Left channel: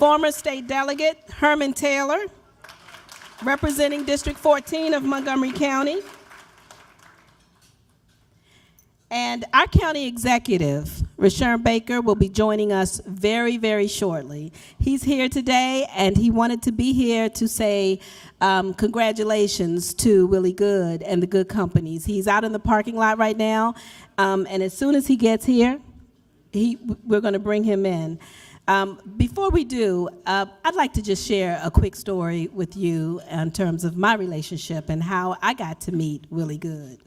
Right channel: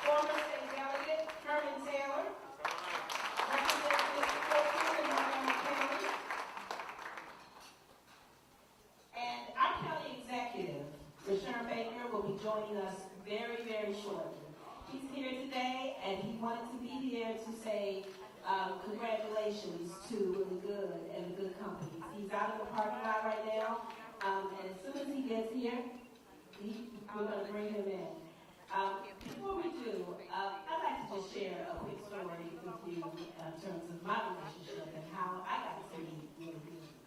Former State Delegate Herman Taylor, representing District 14 of Montgomery County. And our county executive, Rashawn Baker, will be joining us very, very shortly. He's here today, and he wanted to be here to say congratulations to Willie Goode and the Goode Companies. He's out in the parking lot right now, and as soon as he gets here, we're going to bring him in. Before we do, I'd like to just share a quick story with you in terms of my relationship and how I got to meet Willie Goode.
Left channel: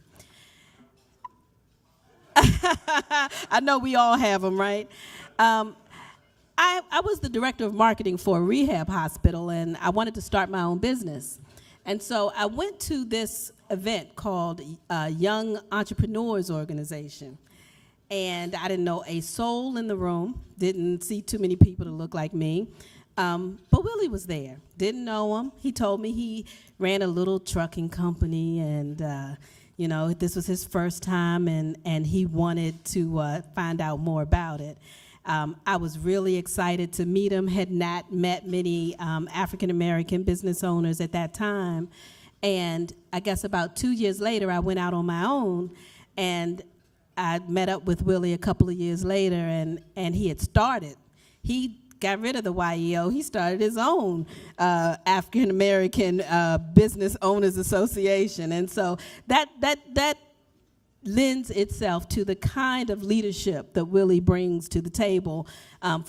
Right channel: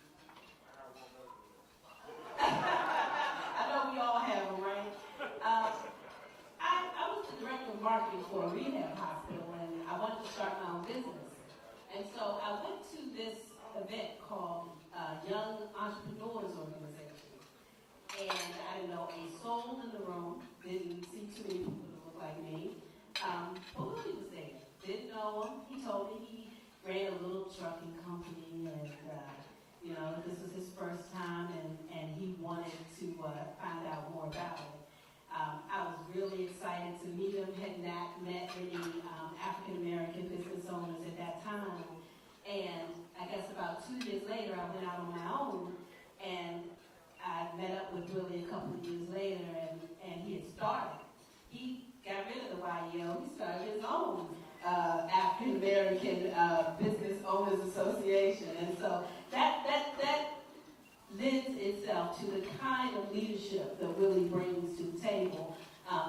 I know we all have them, right? I was the director of marketing for a rehab hospital, and I wanted to start my own business. And so I went to this event called Young Entrepreneurs Organization. And I didn't know a soul in the room, didn't see too many people that look like me. But Willie was there, didn't know him. He told me he ran a little trucking company, and you know, this was his first time, and he wanted to find out more about it. I was really excited to meet him, had not met many African-American business owners at that time. And I guess about 2 years later, I went out on my own, and I met up with Willie a couple of years later, and he had started. He got rid of the YEO. He started his own African American Business Owners Association, and so that lends itself to the kind of leadership that Willie brings to the table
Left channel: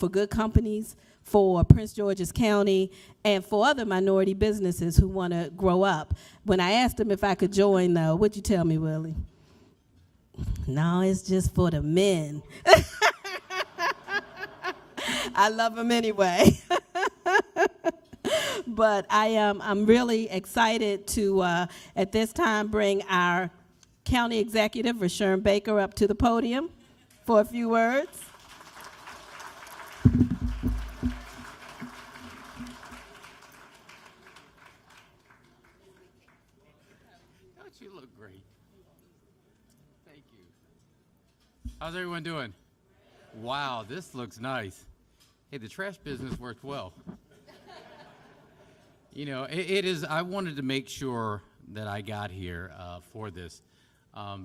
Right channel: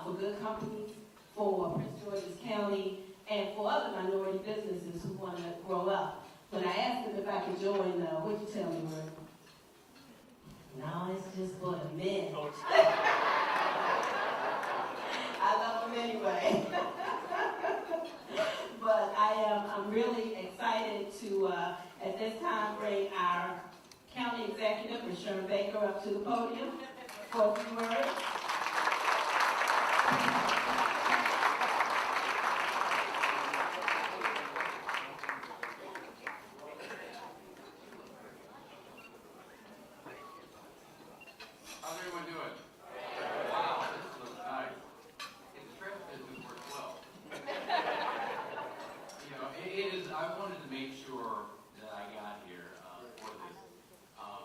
for Goode Companies, for Prince George's County, and for other minority businesses who want to grow up. When I asked him if I could join, though, what'd you tell me, Willie? No, it's just for the men. I love him anyway. But I'm really excited to, at this time, bring our county executive, Rashawn Baker, up to the podium for a few words. How's everyone doing? Wow, this looks nice. Hey, the trash business worked well. You know, it is, I wanted to make sure that I got here for this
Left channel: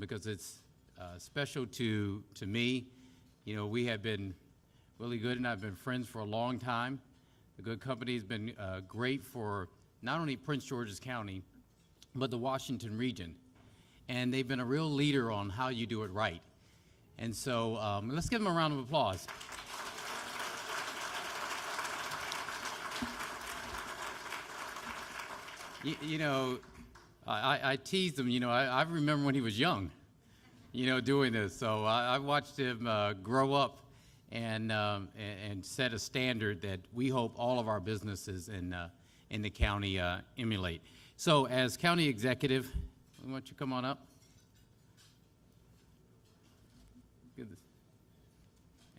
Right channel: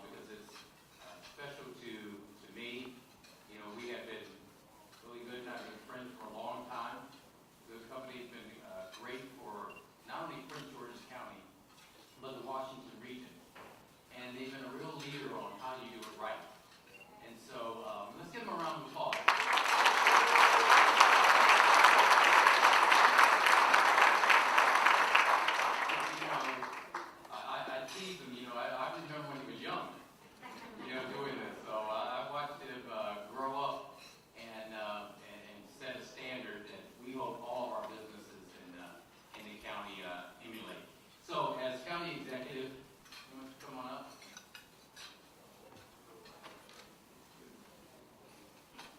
because it's special to me. You know, we have been, Willie Goode and I have been friends for a long time. The Goode Company has been great for not only Prince George's County, but the Washington region. And they've been a real leader on how you do it right. And so let's give them a round of applause. You know, I teased him, you know, I remember when he was young, you know, doing this. So I watched him grow up and set a standard that we hope all of our businesses in the county emulate. So as county executive, why don't you come on up?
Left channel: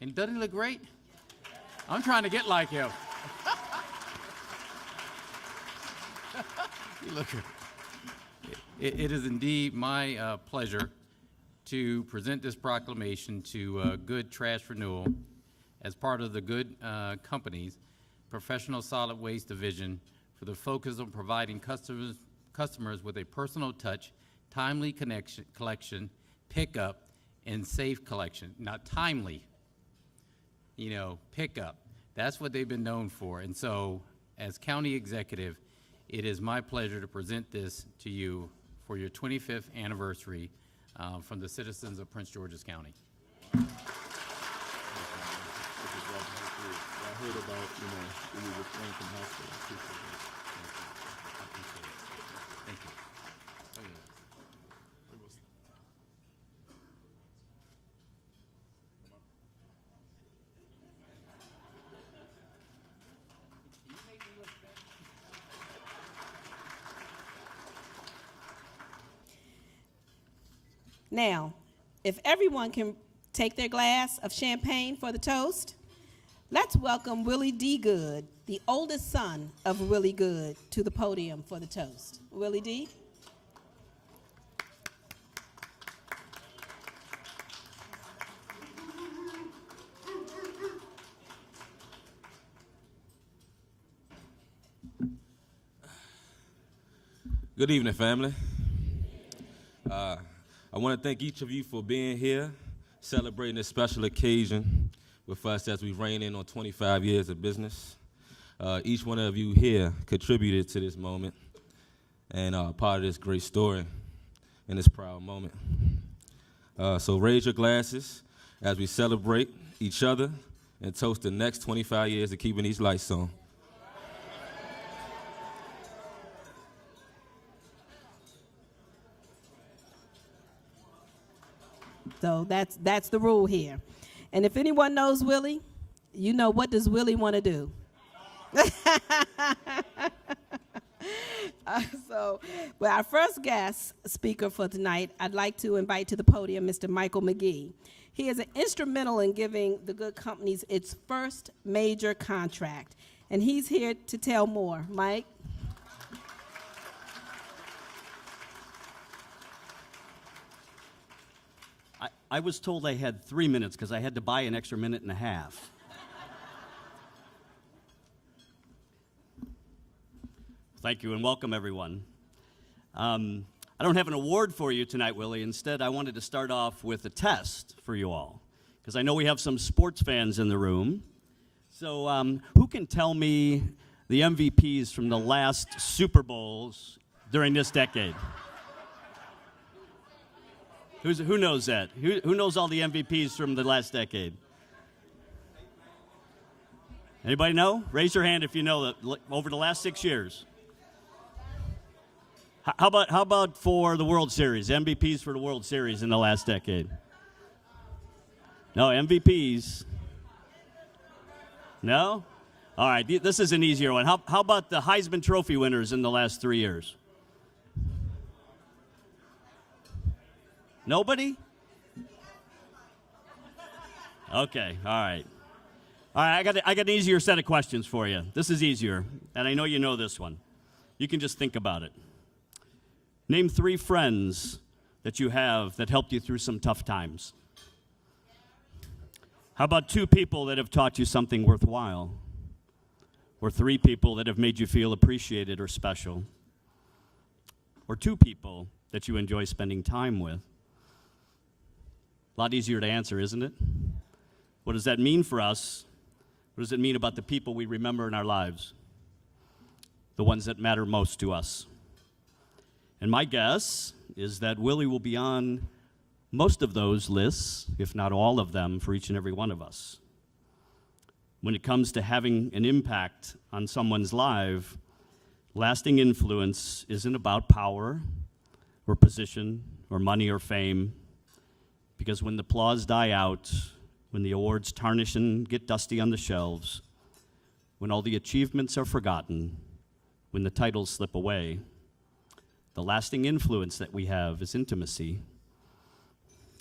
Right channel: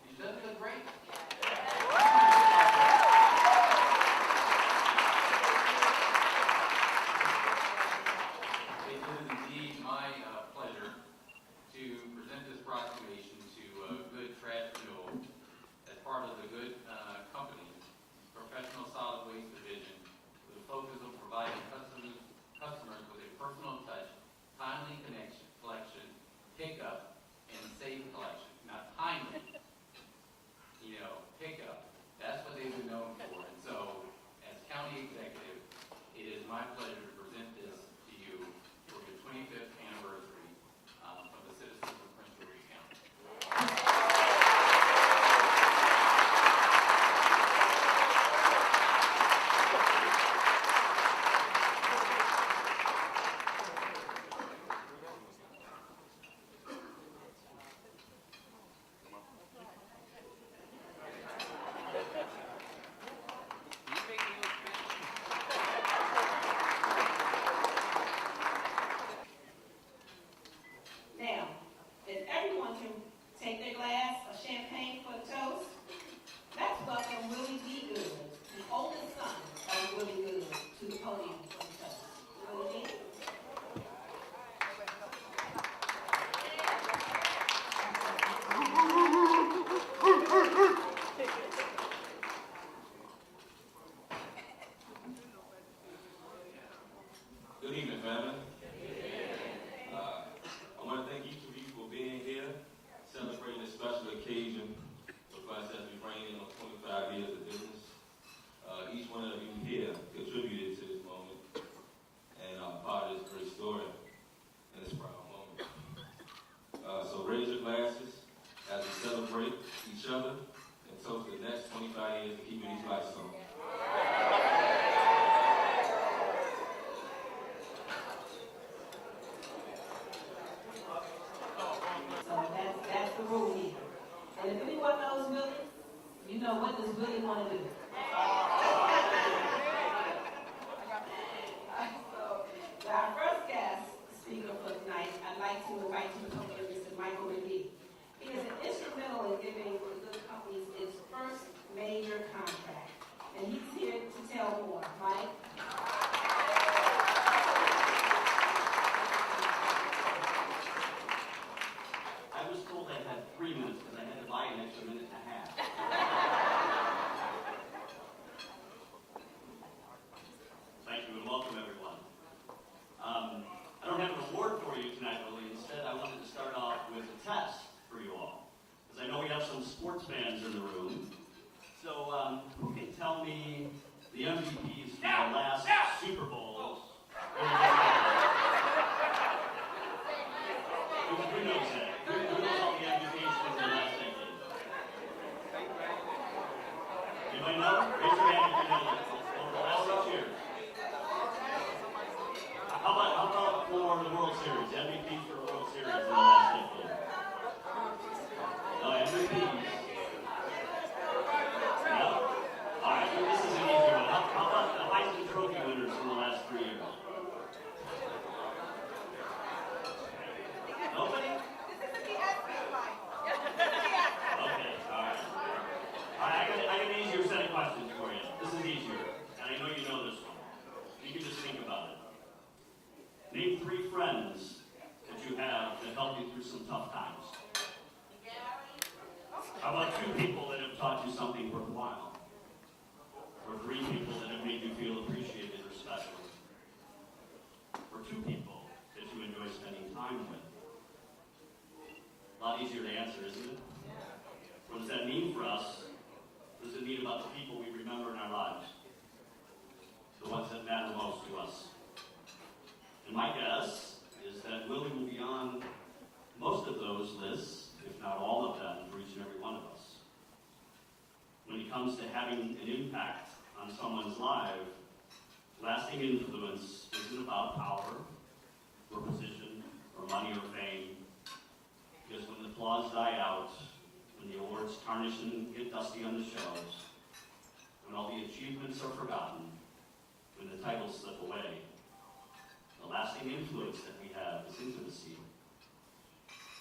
And doesn't it look great? I'm trying to get like him. It is indeed my pleasure to present this proclamation to Goode Trash Renewal as part of the Goode Companies Professional Solid Waste Division with a focus on providing customers with a personal touch, timely collection, pickup, and safe collection. Not timely. You know, pickup. That's what they've been known for. And so, as county executive, it is my pleasure to present this to you for your 25th anniversary from the citizens of Prince George's County. Now, if everyone can take their glass of champagne for the toast, let's welcome Willie D. Goode, the oldest son of Willie Goode, to the podium for the toast. Willie D. Good evening, family. I want to thank each of you for being here, celebrating this special occasion with us as we rein in on 25 years of business. Each one of you here contributed to this moment and part of this great story and this proud moment. So raise your glasses as we celebrate each other and toast the next 25 years of keeping these lights on. So that's the rule here. And if anyone knows Willie, you know what does Willie want to do. So, well, our first guest speaker for tonight, I'd like to invite to the podium Mr. Michael McGee. He is instrumental in giving the Goode Companies its first major contract. And he's here to tell more. Mike? I was told I had 3 minutes because I had to buy an extra minute and a half. Thank you and welcome, everyone. I don't have an award for you tonight, Willie. Instead, I wanted to start off with a test for you all, because I know we have some sports fans in the room. So who can tell me the MVPs from the last Super Bowls during this decade? Who knows that? Who knows all the MVPs from the last decade? Anybody know? Raise your hand if you know that over the last 6 years. How about for the World Series? MVPs for the World Series in the last decade? No, MVPs. No? All right, this is an easier one. How about the Heisman Trophy winners in the last 3 years? Nobody? Okay, all right. All right, I got an easier set of questions for you. This is easier, and I know you know this one. You can just think about it. Name 3 friends that you have that helped you through some tough times. How about 2 people that have taught you something worthwhile? Or 3 people that have made you feel appreciated or special? Or 2 people that you enjoy spending time with? A lot easier to answer, isn't it? What does that mean for us? What does it mean about the people we remember in our lives? The ones that matter most to us. And my guess is that Willie will be on most of those lists, if not all of them, for each and every one of us. When it comes to having an impact on someone's life, lasting influence isn't about power or position or money or fame. Because when the applause die out, when the awards tarnish and get dusty on the shelves, when all the achievements are forgotten, when the titles slip away, the lasting influence that we have is intimacy.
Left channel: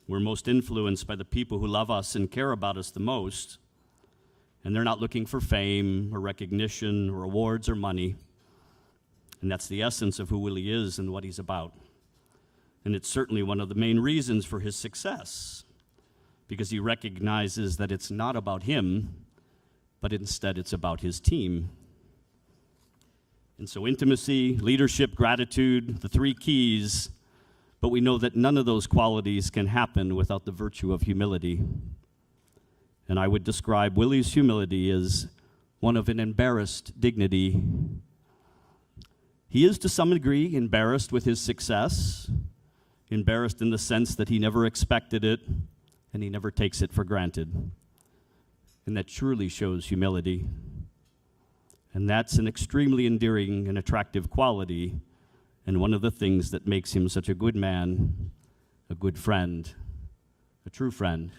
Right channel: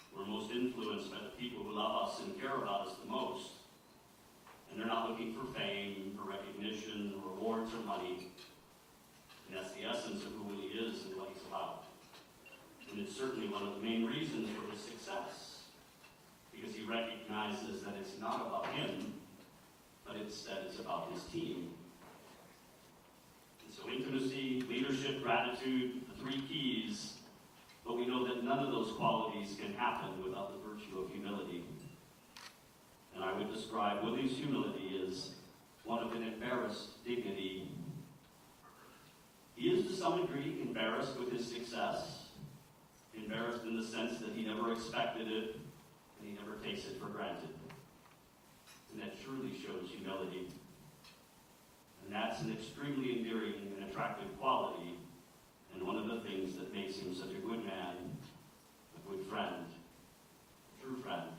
We're most influenced by the people who love us and care about us the most, and they're not looking for fame or recognition or awards or money. And that's the essence of who Willie is and what he's about. And it's certainly one of the main reasons for his success, because he recognizes that it's not about him, but instead it's about his team. And so intimacy, leadership, gratitude, the 3 keys, but we know that none of those qualities can happen without the virtue of humility. And I would describe Willie's humility as one of an embarrassed dignity. He is to some degree embarrassed with his success, embarrassed in the sense that he never expected it and he never takes it for granted. And that truly shows humility. And that's an extremely endearing and attractive quality, and one of the things that makes him such a good man, a good friend, a true friend.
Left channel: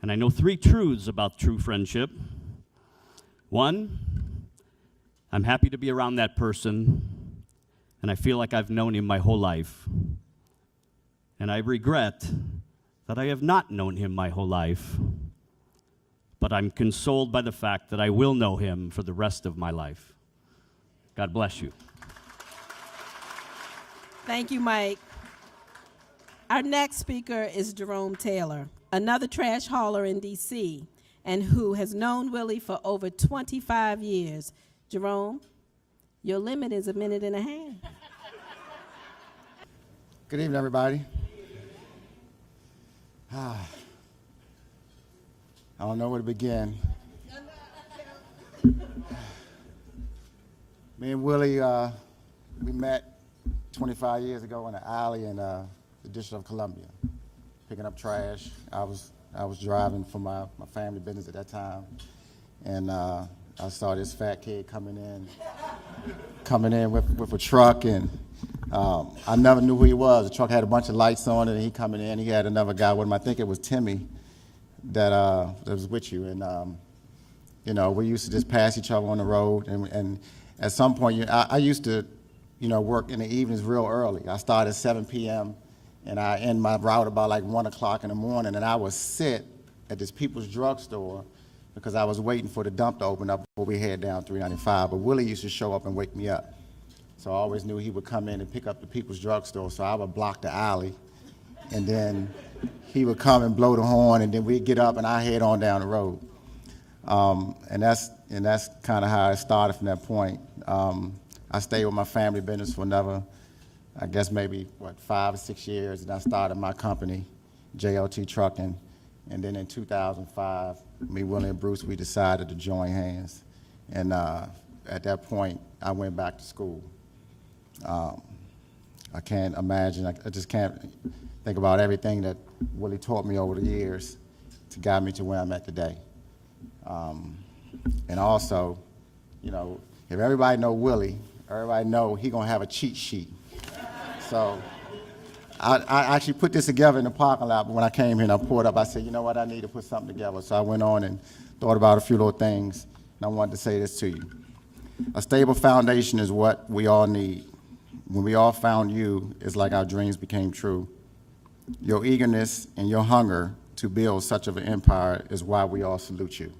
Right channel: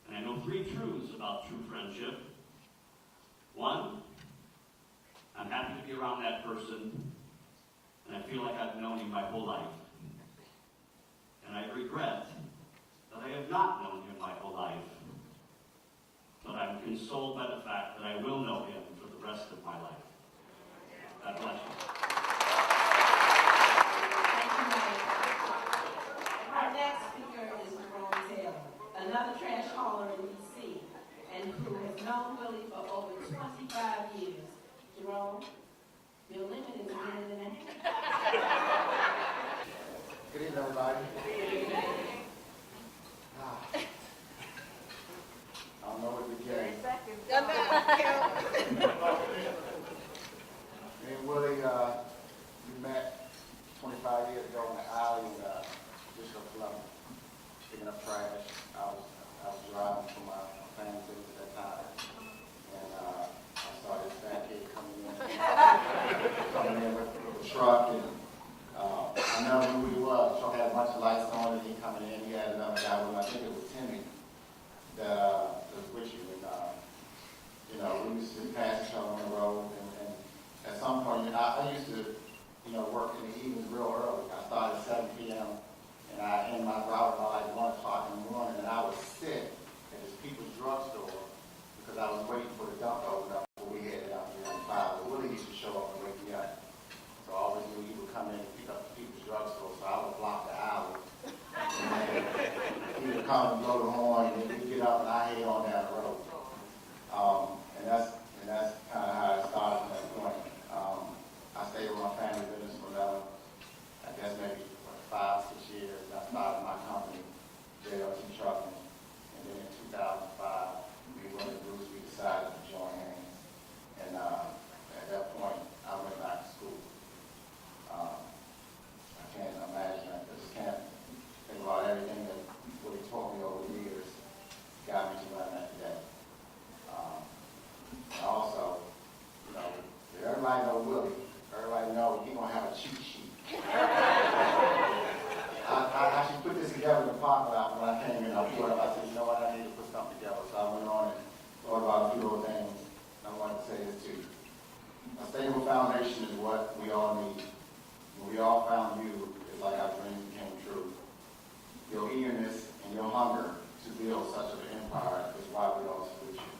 And I know 3 truths about true friendship. 1, I'm happy to be around that person, and I feel like I've known him my whole life. And I regret that I have not known him my whole life, but I'm consoled by the fact that I will know him for the rest of my life. God bless you. Thank you, Mike. Our next speaker is Jerome Taylor, another trash hauler in D.C., and who has known Willie for over 25 years. Jerome? Your limit is 1.5 minutes. Good evening, everybody. I don't know where to begin. Me and Willie, we met 25 years ago in the alley in the District of Columbia, picking up trash. I was driving for my family business at that time, and I saw this fat kid coming in with a truck, and I never knew who he was. The truck had a bunch of lights on it, and he coming in. He had another guy with him. I think it was Timmy that was with you, and you know, we used to just pass each other on the road, and at some point, I used to, you know, work in the evenings real early. I started at 7 p.m. and I end my route about like 1 o'clock in the morning, and I would sit at this People's Drug Store because I was waiting for the dump to open up before we head down 395. But Willie used to show up and wake me up. So I always knew he would come in and pick up the People's Drug Store, so I would block the alley, and then he would come and blow the horn, and then we'd get up and I head on down the road. And that's kind of how it started from that point. I stayed with my family business for another, I guess maybe, 5 or 6 years, and I started my company, JLT Trucking, and then in 2005, me, Willie, and Bruce, we decided to join hands, and at that point, I went back to school. I can't imagine, I just can't think about everything that Willie taught me over the years to guide me to where I'm at today. And also, you know, if everybody know Willie, everybody know he gonna have a cheat sheet. So I actually put this together in the parking lot when I came here and I pulled up. I said, you know what, I need to put something together. So I went on and thought about a few little things, and I wanted to say this to you. A stable foundation is what we all need. When we all found you, it's like our dreams became true. Your eagerness and your hunger to build such of an empire is why we all salute you.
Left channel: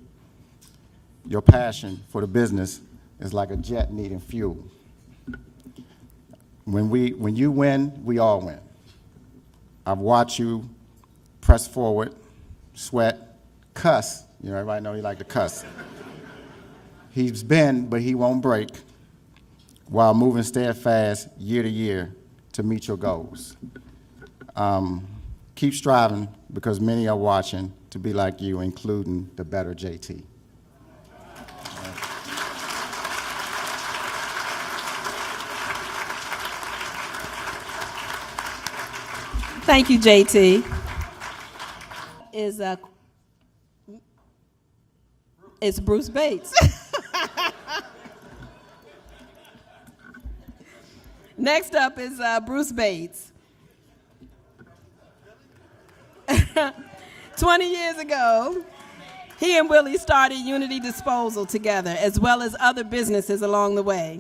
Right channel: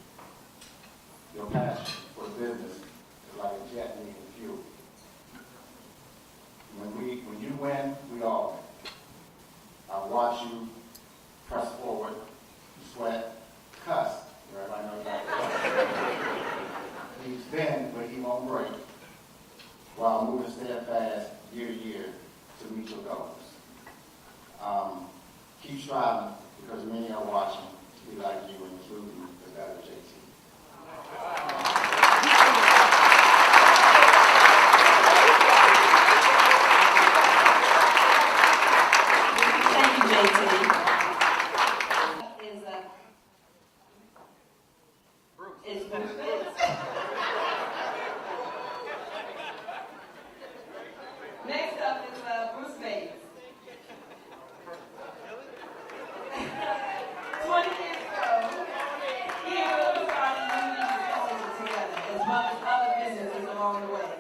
Your passion for the business is like a jet needing fuel. When you win, we all win. I've watched you press forward, sweat, cuss. You know, everybody know you like to cuss. He's been, but he won't break, while moving steadfast year to year to meet your goals. Keep striving, because many are watching to be like you, including the better JT. Thank you, JT. It's Bruce Bates. Next up is Bruce Bates. 20 years ago, he and Willie started Unity Disposal together, as well as other businesses along the way.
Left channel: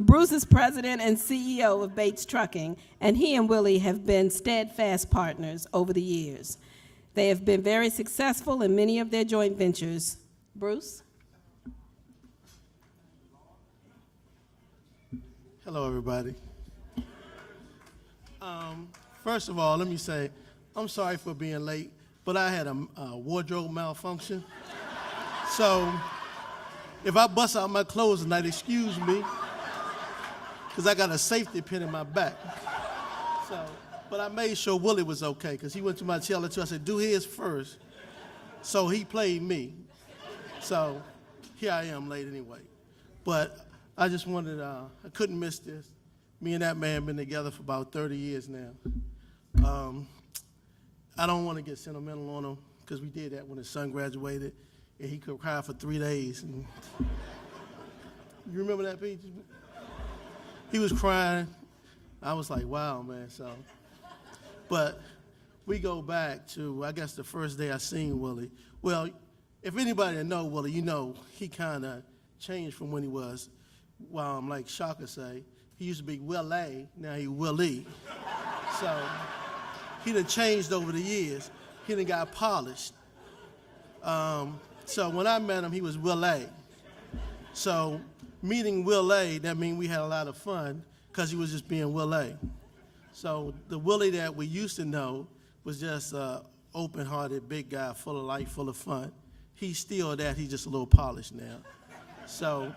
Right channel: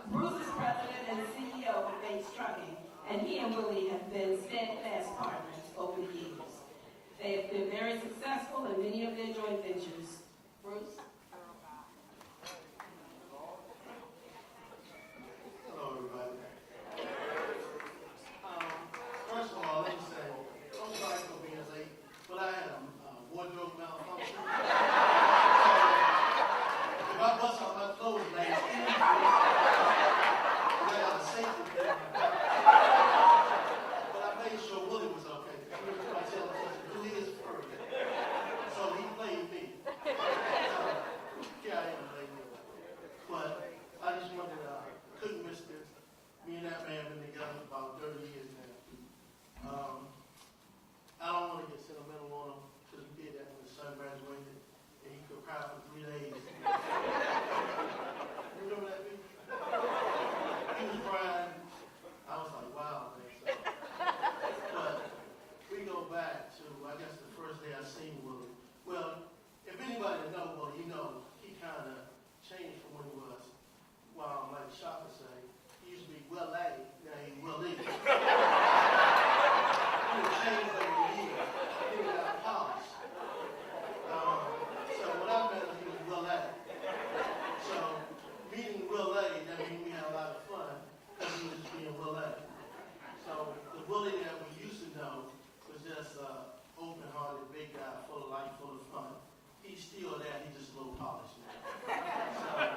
Bruce is president and CEO of Bates Trucking, and he and Willie have been steadfast partners over the years. They have been very successful in many of their joint ventures. Bruce? Hello, everybody. First of all, let me say, I'm sorry for being late, but I had a wardrobe malfunction. So if I bust out my clothes tonight, excuse me, because I got a safety pin in my back. So, but I made sure Willie was okay, because he went to my cellar too. I said, do his first. So he played me. So here I am late anyway. But I just wanted, I couldn't miss this. Me and that man have been together for about 30 years now. I don't want to get sentimental on him, because we did that when his son graduated, and he could cry for 3 days. You remember that, Pete? He was crying. I was like, wow, man. So, but we go back to, I guess, the first day I seen Willie. Well, if anybody that know Willie, you know he kind of changed from when he was, like Shaka say, he used to be Willie, now he Willie. So he done changed over the years. He done got polished. So when I met him, he was Willie. So meeting Willie, that means we had a lot of fun, because he was just being Willie. So the Willie that we used to know was just an open-hearted, big guy, full of life, full of fun. He's still that, he's just a little polished now. So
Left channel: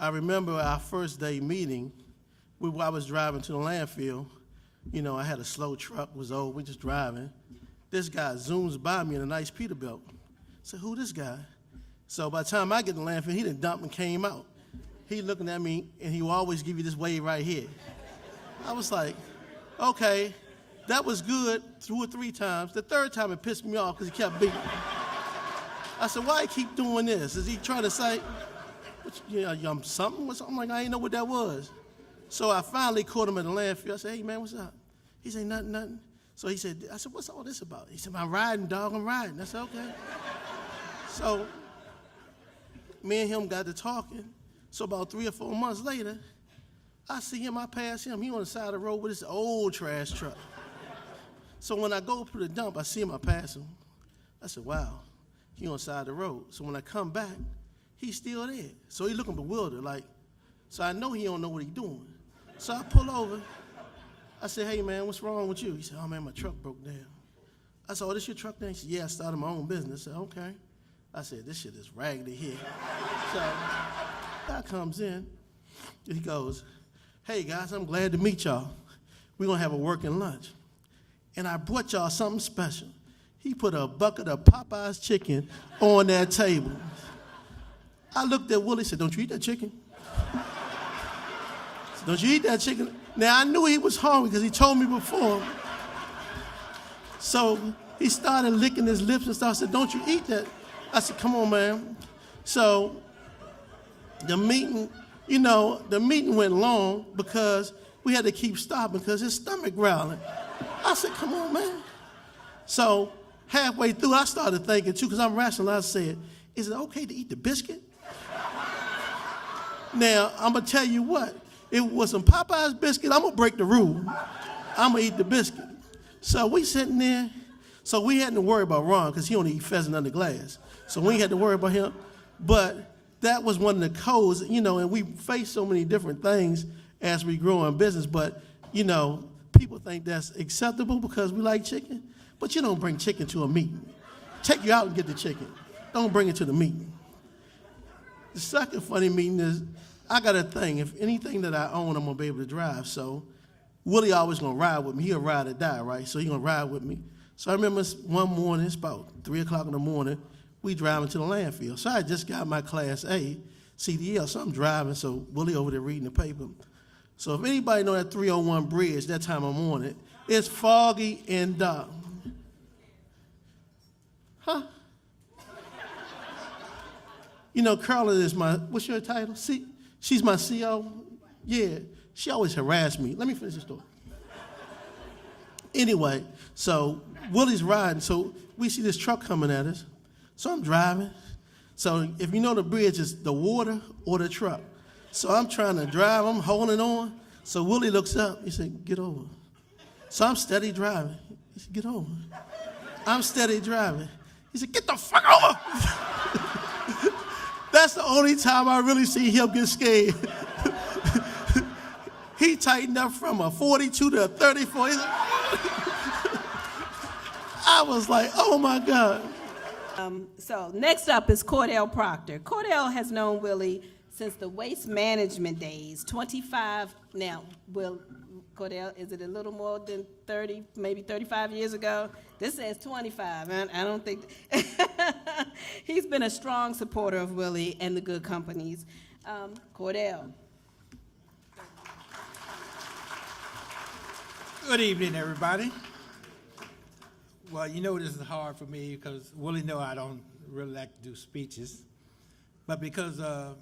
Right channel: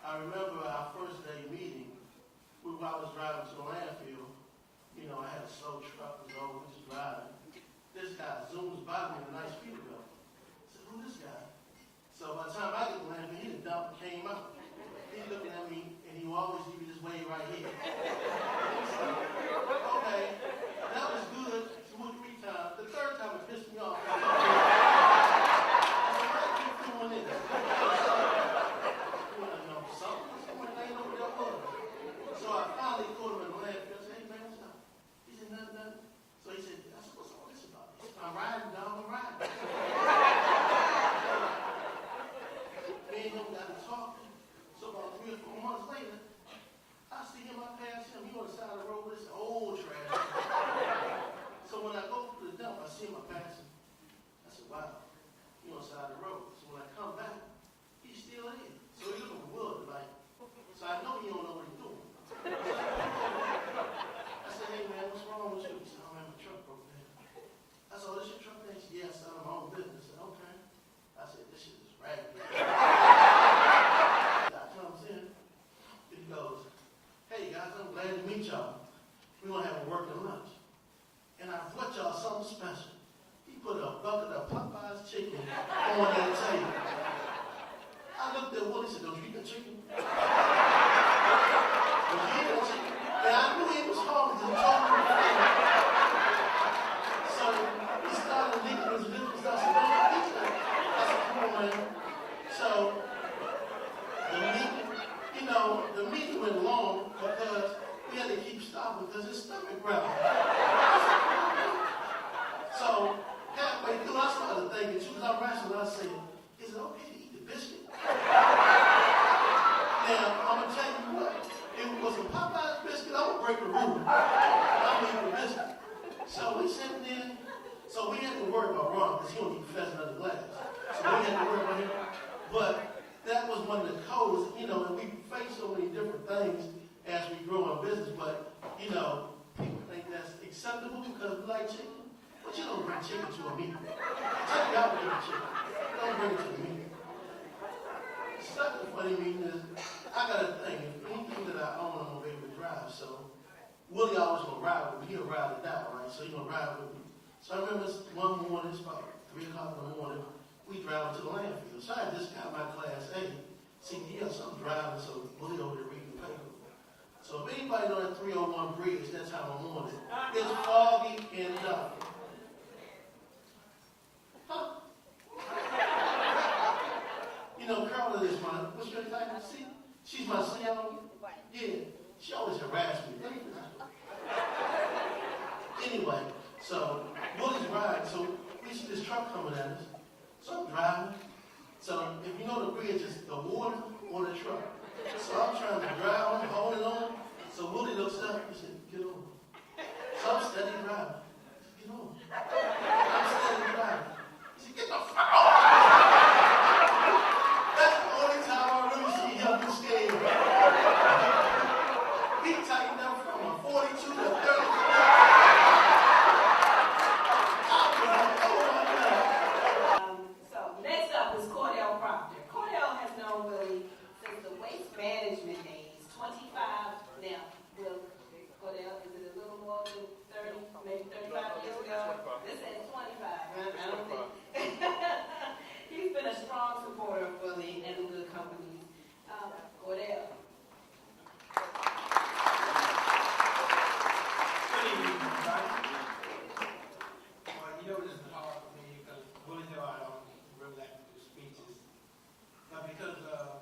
I remember our first day meeting, I was driving to the landfill. You know, I had a slow truck, was old, we just driving. This guy zooms by me in a nice Peterbilt. I said, who this guy? So by the time I get to the landfill, he done dumped and came out. He looking at me, and he will always give you this wave right here. I was like, okay, that was good 2 or 3 times. The third time it pissed me off because he kept doing it. I said, why he keep doing this? Is he trying to say, yeah, I'm something or something? Like, I didn't know what that was. So I finally caught him at the landfill. I said, hey, man, what's up? He said, nothing. So he said, I said, what's all this about? He said, I'm riding, dog, I'm riding. I said, okay. So me and him got to talking. So about 3 or 4 months later, I see him, I pass him. He on the side of the road with this old trash truck. So when I go to the dump, I see him, I pass him. I said, wow, he on the side of the road. So when I come back, he's still there. So he looking bewildered, like, so I know he don't know what he's doing. So I pull over. I said, hey, man, what's wrong with you? He said, oh, man, my truck broke down. I said, oh, this your truck then? He said, yeah, I started my own business. I said, okay. I said, this shit is raggedy here. So guy comes in, and he goes, hey, guys, I'm glad to meet y'all. We're going to have a working lunch. And I brought y'all something special. He put a bucket of Popeye's chicken on that table. I looked at Willie and said, don't you eat that chicken? Don't you eat that chicken? Now, I knew he was hungry because he told me before. So he started licking his lips and stuff. I said, don't you eat that? I said, come on, man. So the meeting went long because we had to keep stopping because his stomach growling. I said, come on, man. So halfway through, I started thinking, too, because I'm rational. I said, is it okay to eat the biscuit? Now, I'm going to tell you what. If it was some Popeye's biscuit, I'm going to break the rule. I'm going to eat the biscuit. So we sitting there. So we hadn't to worry about Ron because he only eat pheasant under glass. So we had to worry about him. But that was one of the codes, and we face so many different things as we grow in business. But, people think that's acceptable because we like chicken. But you don't bring chicken to a meeting. Take you out and get the chicken. Don't bring it to the meeting. The second funny meeting is, I got a thing. If anything that I own, I'm going to be able to drive. So Willie always going to ride with me. He'll ride or die, right? So he going to ride with me. So I remember one morning, it's about 3 o'clock in the morning, we driving to the landfill. So I just got my Class A CDL, so I'm driving, so Willie over there reading the paper. So if anybody know that 301 bridge, that time I'm on it, it's foggy and dark. Huh? Carla is my, what's your title? She's my CO? Yeah, she always harassed me. Let me finish the story. Anyway, so Willie's riding, so we see this truck coming at us. So I'm driving. So if you know the bridge is the water or the truck. So I'm trying to drive, I'm holding on. So Willie looks up, he said, get over. So I'm steady driving. He said, get over. I'm steady driving. He said, get the fuck off! That's the only time I really see him get scared. He tightened up from a 42 to a 34. I was like, oh my God. So next up is Cordell Proctor. Cordell has known Willie since the waste management days, 25, now, Cordell, is it a little more than 30, maybe 35 years ago? This says 25, I don't think. He's been a strong supporter of Willie and the Goode Companies. Cordell. Good evening, everybody. Well, this is hard for me because Willie know I don't really like to do speeches. But because of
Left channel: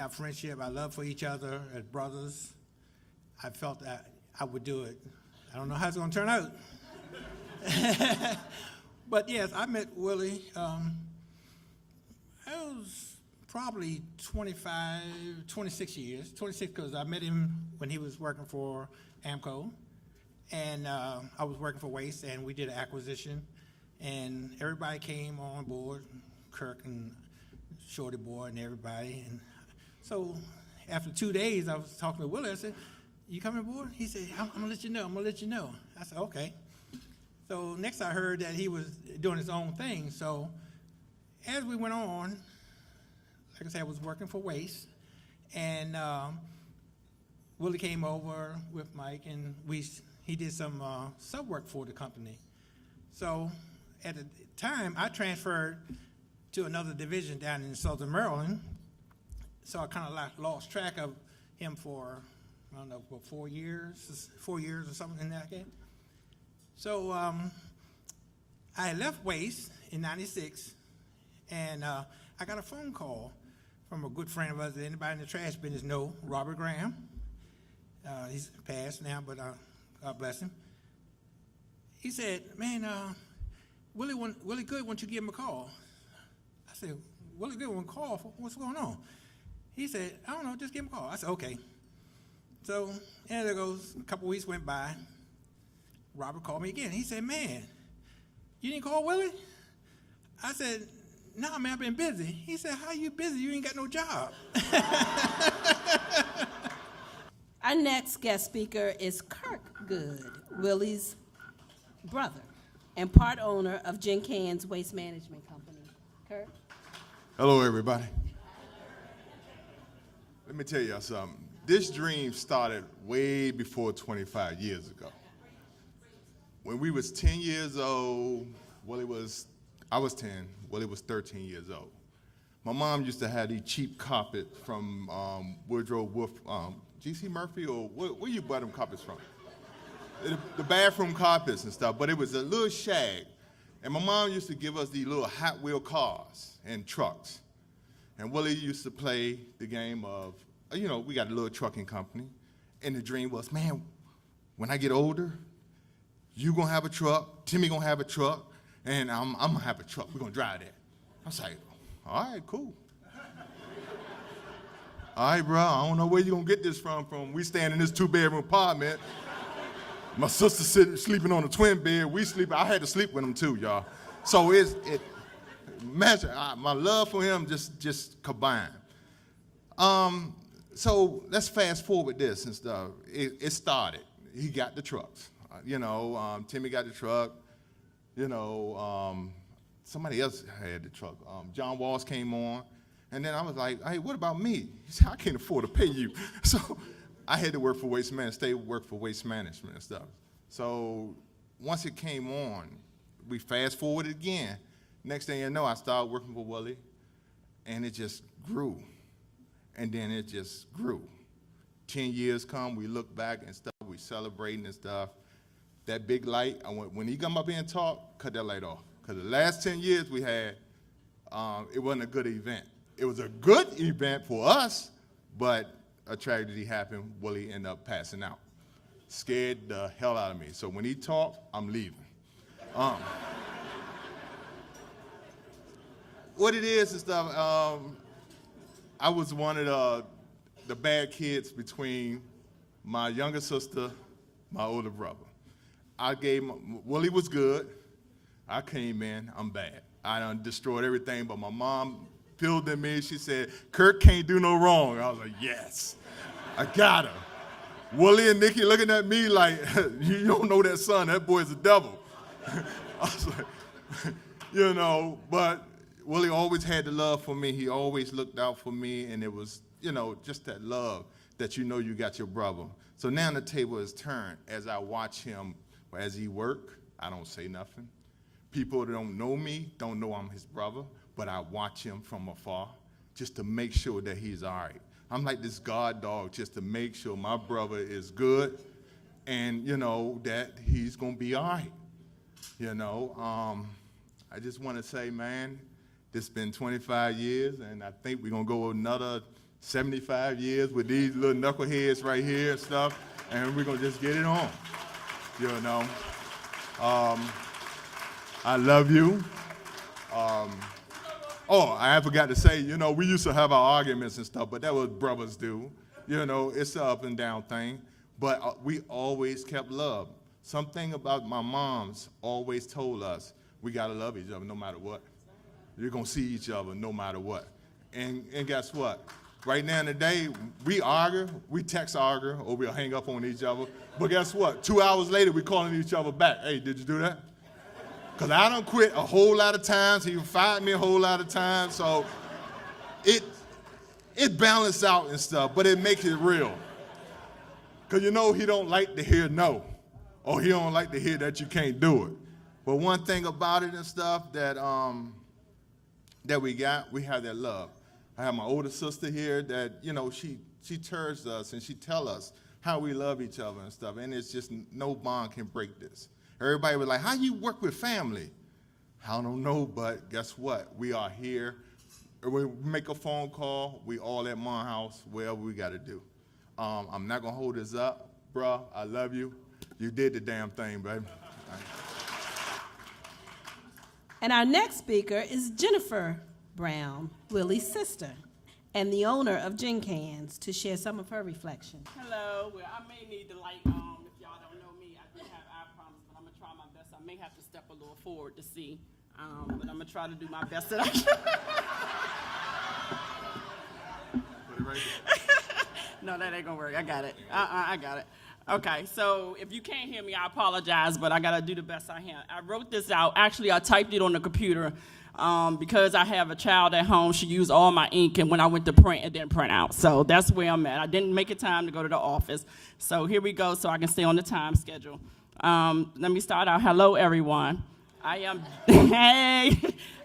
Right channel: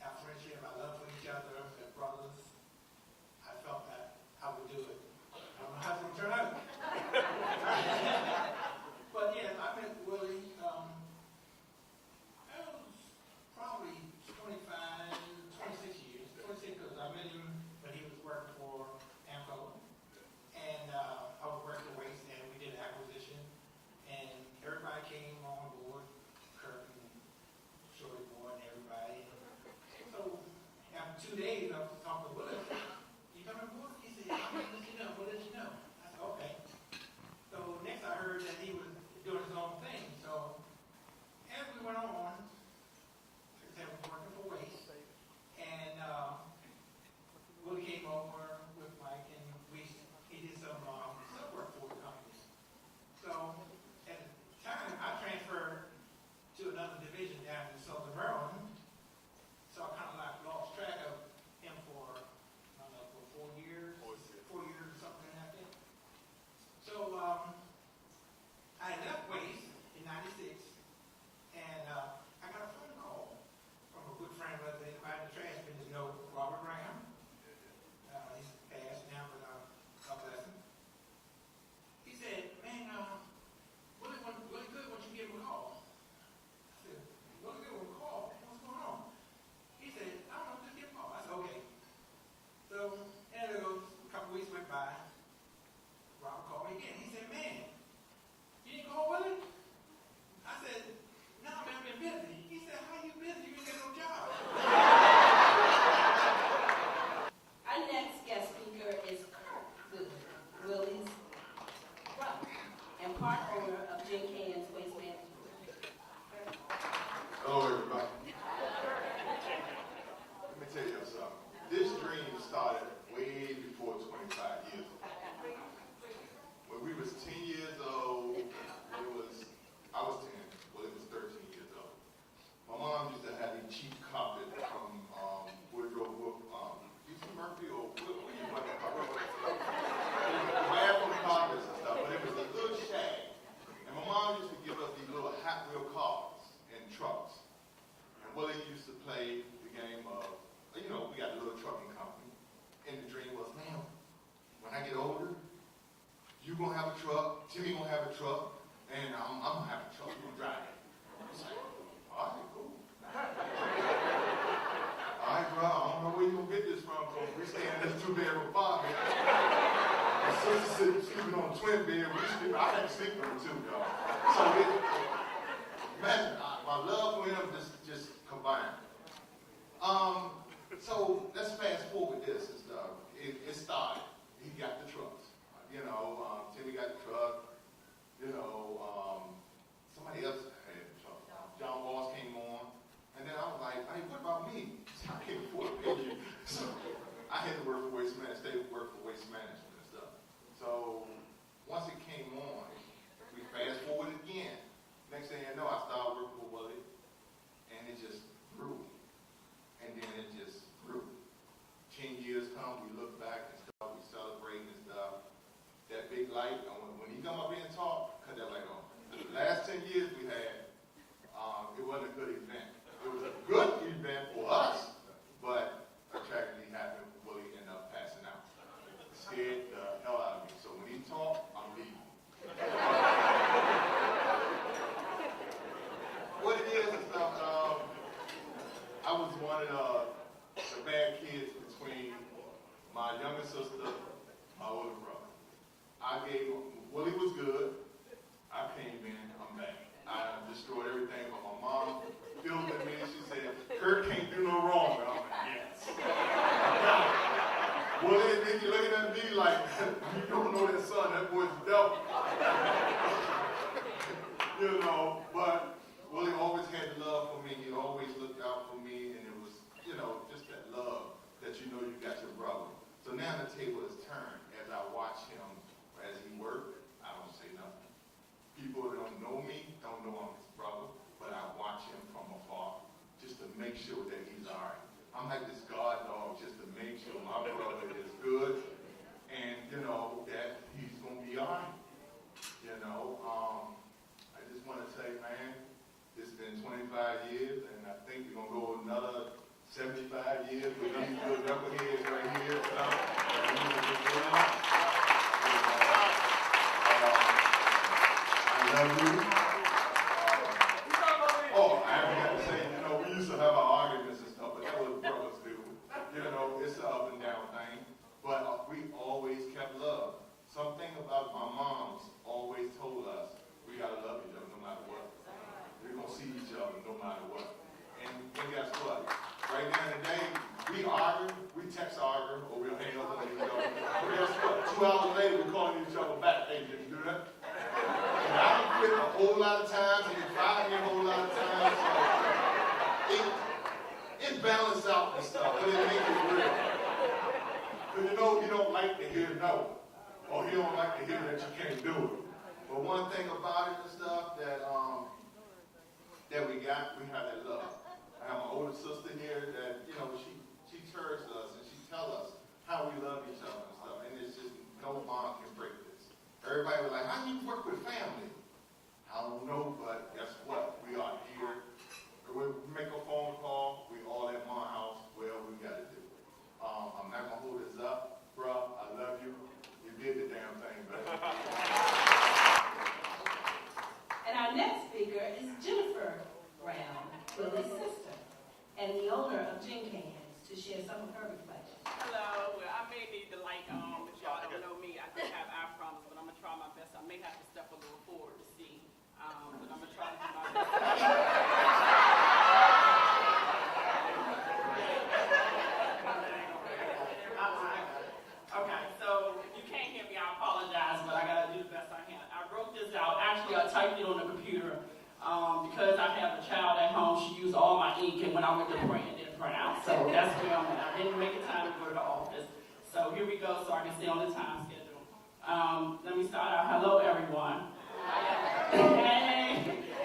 our friendship, our love for each other as brothers, I felt that I would do it. I don't know how it's going to turn out. But yes, I met Willie. I was probably 26 years. 26 because I met him when he was working for AMCO. And I was working for Waste, and we did an acquisition. And everybody came on board, Kirk and Shorty Boy and everybody. And so after 2 days, I was talking to Willie. I said, you coming aboard? He said, I'm going to let you know. I'm going to let you know. I said, okay. So next I heard that he was doing his own thing. So as we went on, like I said, I was working for Waste. And Willie came over with Mike, and he did some sub work for the company. So at the time, I transferred to another division down in Southern Maryland. So I kind of lost track of him for, I don't know, for 4 years or something like that. So I had left Waste in '96, and I got a phone call from a good friend of ours that anybody in the trash business know, Robert Graham. He's passed now, but God bless him. He said, man, Willie Goode wants you to give him a call. I said, Willie Goode want a call? What's going on? He said, I don't know, just give him a call. I said, okay. So, and there goes, a couple weeks went by. Robert called me again. He said, man, you didn't call Willie? I said, no, man, I've been busy. He said, how you busy? You ain't got no job. Our next guest speaker is Kirk Goode, Willie's brother and part owner of Gin Cans Waste Management Company. Kirk? Hello, everybody. Let me tell you something. This dream started way before 25 years ago. When we was 10 years old, I was 10, Willie was 13 years old. My mom used to have these cheap carpet from Woodrow Wolf, G.C. Murphy, or where you buy them carpets from? The bathroom carpets and stuff, but it was a little shag. And my mom used to give us these little Hot Wheel cars and trucks. And Willie used to play the game of, we got a little trucking company. And the dream was, man, when I get older, you gonna have a truck, Timmy gonna have a truck, and I'm gonna have a truck. We're gonna drive that. I was like, all right, cool. All right, bro, I don't know where you gonna get this from. We staying in this 2-bedroom apartment. My sister sleeping on a twin bed. We sleep. I had to sleep with him too, y'all. So imagine my love for him just combined. So let's fast forward this and stuff. It started. He got the trucks. Timmy got the truck. Somebody else had the truck. John Walsh came on. And then I was like, hey, what about me? He said, I can't afford to pay you. So I had to work for Waste Management, stay work for Waste Management and stuff. So once it came on, we fast forwarded again. Next thing you know, I started working for Willie, and it just grew. And then it just grew. 10 years come, we look back and stuff, we celebrating and stuff. That big light, when he come up here and talk, cut that light off. Because the last 10 years we had, it wasn't a good event. It was a good event for us, but a tragedy happened. Willie ended up passing out. Scared the hell out of me. So when he talked, I'm leaving. What it is stuff, I was one of the bad kids between my younger sister, my older brother. Willie was good. I came in, I'm bad. I done destroyed everything, but my mom filled in me. She said, Kirk can't do no wrong. I was like, yes, I got him. Willie and Nikki looking at me like, you don't know that son, that boy's a devil. But Willie always had the love for me. He always looked out for me, and it was, just that love that you got your brother. So now the table is turned. As I watch him, as he work, I don't say nothing. People that don't know me don't know I'm his brother, but I watch him from afar just to make sure that he's all right. I'm like this guard dog just to make sure my brother is good and, that he's going to be all right. I just want to say, man, this has been 25 years, and I think we're going to go another 75 years with these little knuckleheads right here and stuff, and we're going to just get it on. I love you. I forgot to say, we used to have our arguments and stuff, but that was brothers do. It's an up and down thing. But we always kept love. Something about my mom's always told us, we gotta love each other no matter what. You're gonna see each other no matter what. And guess what? Right now today, we argue, we text argue, or we'll hang up on each other. But guess what? 2 hours later, we're calling each other back. Hey, did you do that? Because I done quit a whole lot of times. He fired me a whole lot of times. So it balances out and stuff, but it makes it real. Because you know he don't like to hear no, or he don't like to hear that you can't do it. But one thing about it and stuff that we have that love. I have my older sister here that, you know, she turns us and she tell us how we love each other and stuff, and it's just no bond can break this. Everybody was like, how you work with family? I don't know, but guess what? We are here. We make a phone call, we all at my house, wherever we gotta do. I'm not gonna hold this up, bruh, I love you. You did the damn thing, buddy. And our next speaker is Jennifer Brown, Willie's sister, and the owner of Gin Cans, to share some of her reflections. Hello. Well, I may need to if y'all don't know me, I do have eye problems, but I'm gonna try my best. I may have to step a little forward to see, but I'm gonna try to do my best. No, that ain't gonna work. I got it. I got it. Okay, so if you can't hear me, I apologize, but I gotta do the best I can. I wrote this out. Actually, I typed it on the computer because I have a child at home. She used all my ink, and when I went to print, it didn't print out. So that's where I'm at. I didn't make it time to go to the office. So here we go, so I can stay on the time schedule. Let me start out. Hello, everyone. I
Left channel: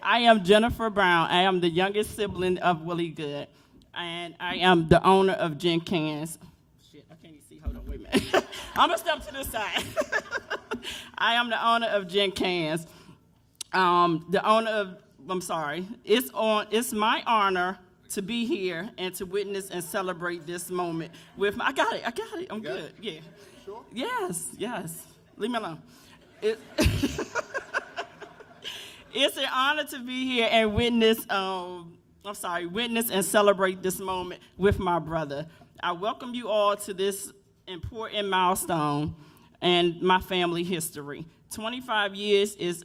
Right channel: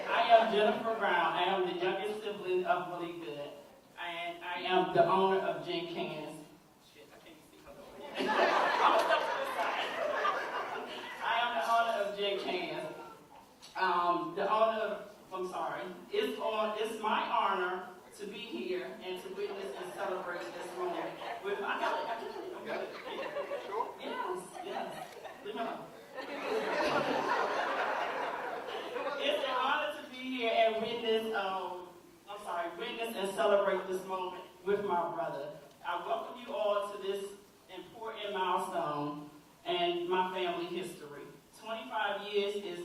am Jennifer Brown. I am the youngest sibling of Willie Goode, and I am the owner of Gin Cans. I'm gonna step to this side. I am the owner of Gin Cans. It's my honor to be here and to witness and celebrate this moment with my, I got it, I'm good, yeah. Yes, leave me alone. It's an honor to be here and witness and celebrate this moment with my brother. I welcome you all to this important milestone and my family history. 25 years is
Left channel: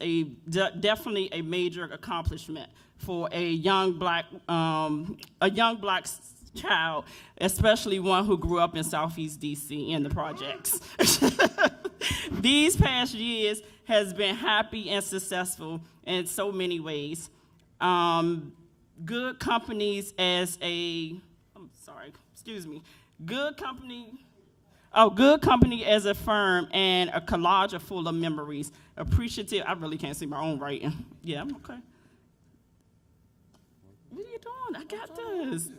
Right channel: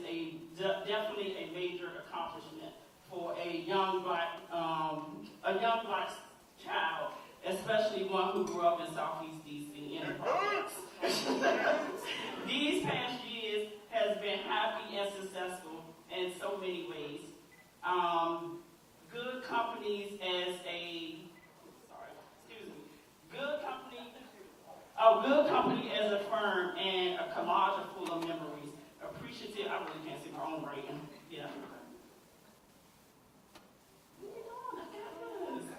definitely a major accomplishment for a young black child, especially one who grew up in Southeast DC in the projects. These past years has been happy and successful in so many ways. Goode Companies Goode Company as a firm and a collage of full of memories. Appreciative, I really can't see my own writing. Yeah, I'm okay. What are you doing? I got this.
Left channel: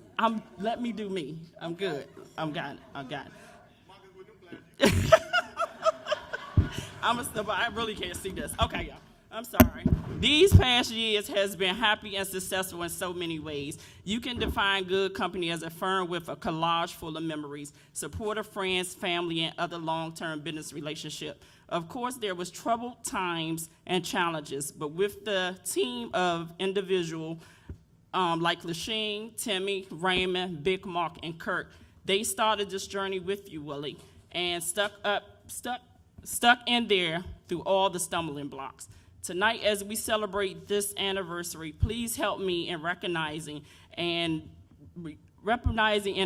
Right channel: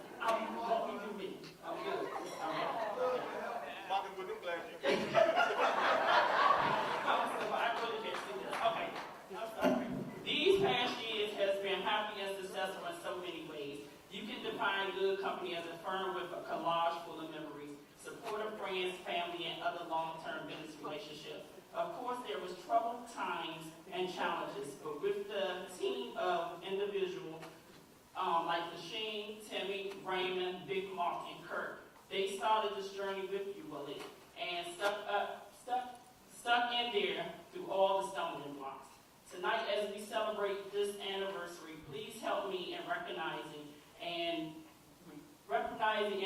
Let me do me. I'm good. I've got it. I really can't see this. Okay, I'm sorry. These past years has been happy and successful in so many ways. You can define Goode Company as a firm with a collage full of memories, supportive friends, family, and other long-term business relationship. Of course, there was troubled times and challenges, but with the team of individuals like Lasheen, Timmy, Raymond, Big Mark, and Kirk, they started this journey with you, Willie, and stuck in there through all the stumbling blocks. Tonight, as we celebrate this anniversary, please help me in recognizing and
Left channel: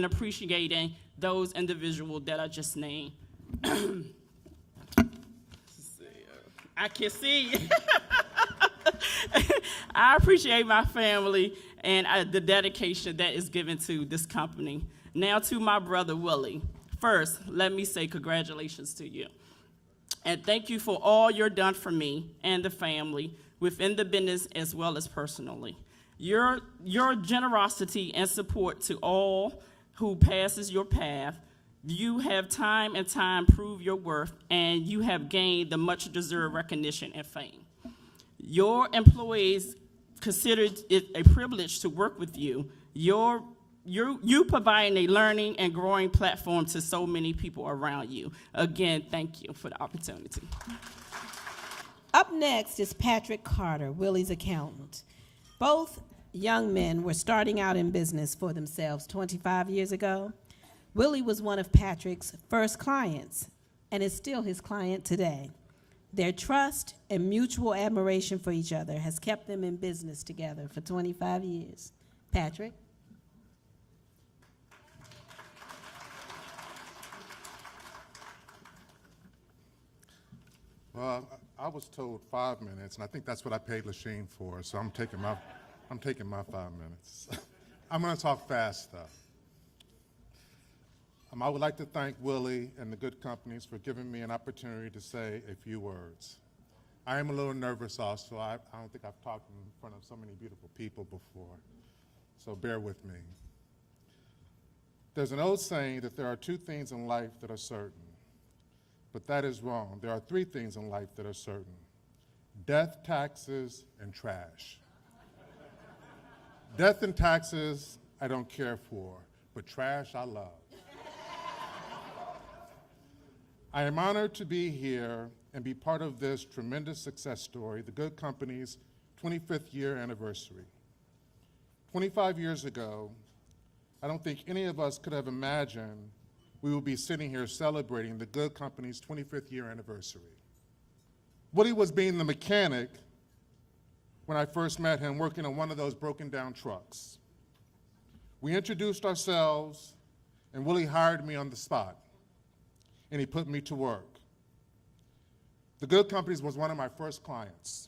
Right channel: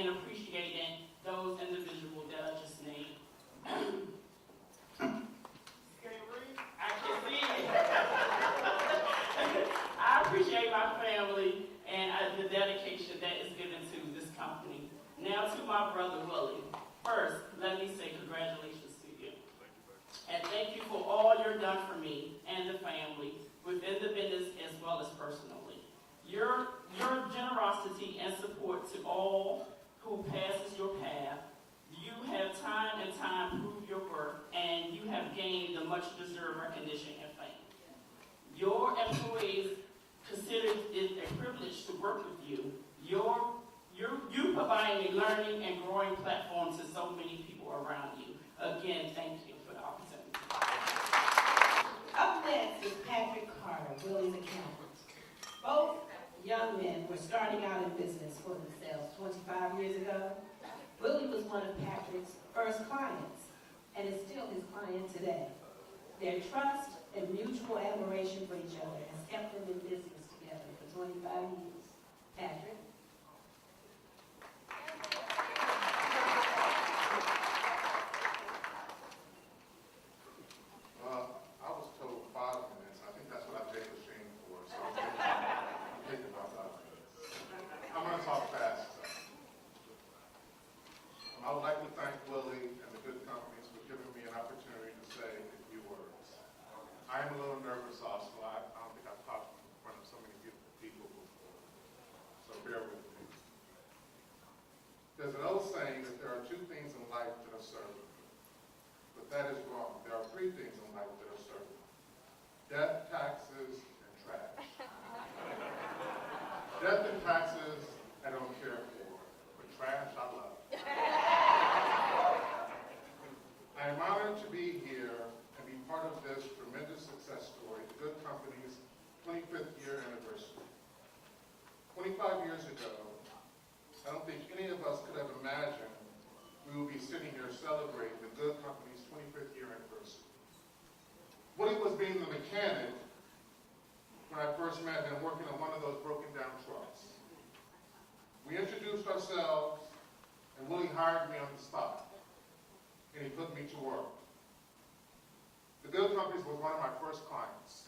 appreciating those individuals that I just named. I can see. I appreciate my family and the dedication that is given to this company. Now to my brother, Willie. First, let me say congratulations to you. And thank you for all you're done for me and the family within the business as well as personally. Your generosity and support to all who passes your path, you have time and time proved your worth, and you have gained the much deserved recognition and fame. Your employees considered it a privilege to work with you. You providing a learning and growing platform to so many people around you. Again, thank you for the opportunity. Up next is Patrick Carter, Willie's accountant. Both young men were starting out in business for themselves 25 years ago. Willie was one of Patrick's first clients and is still his client today. Their trust and mutual admiration for each other has kept them in business together for 25 years. Patrick? I was told 5 minutes, and I think that's what I paid Lasheen for, so I'm taking my 5 minutes. I'm going to talk fast, though. I would like to thank Willie and the Goode Companies for giving me an opportunity to say a few words. I am a little nervous also. I don't think I've talked in front of so many beautiful people before, so bear with me. There's an old saying that there are two things in life that are certain, but that is wrong. There are three things in life that are certain: death, taxes, and trash. Death and taxes I don't care for, but trash I love. I am honored to be here and be part of this tremendous success story, the Goode Company's 25th year anniversary. 25 years ago, I don't think any of us could have imagined we would be sitting here celebrating the Goode Company's 25th year anniversary. Willie was being the mechanic when I first met him, working on one of those broken down trucks. We introduced ourselves, and Willie hired me on the spot, and he put me to work. The Goode Companies was one of my first clients.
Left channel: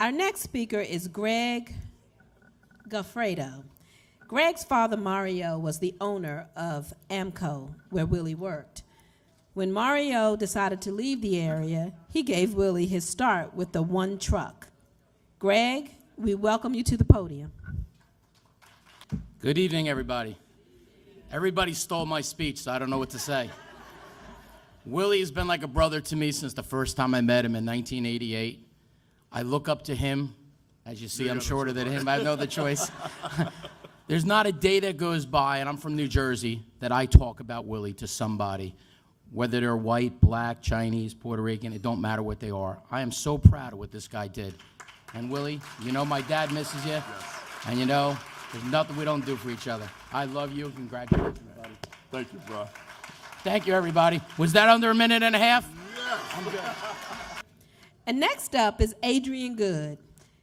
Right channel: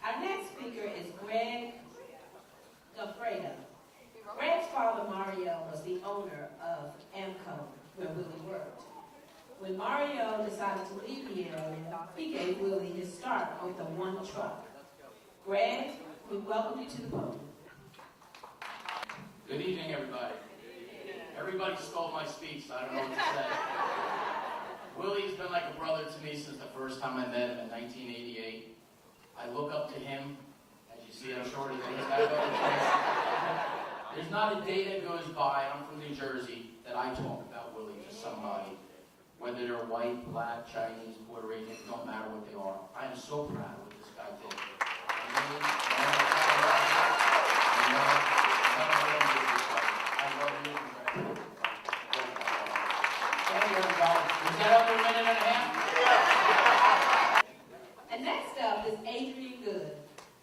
Our next speaker is Greg Goffredo. Greg's father, Mario, was the owner of AMCO, where Willie worked. When Mario decided to leave the area, he gave Willie his start with the one truck. Greg, we welcome you to the podium. Good evening, everybody. Everybody stole my speech, so I don't know what to say. Willie has been like a brother to me since the first time I met him in 1988. I look up to him. As you see, I'm shorter than him. I have no other choice. There's not a day that goes by, and I'm from New Jersey, that I talk about Willie to somebody, whether they're white, black, Chinese, Puerto Rican, it don't matter what they are. I am so proud of what this guy did. And Willie, you know my dad misses you, and you know, there's nothing we don't do for each other. I love you. Congratulations. Thank you, Joe. Thank you, everybody. Was that under a minute and a half? And next up is Adrienne Goode.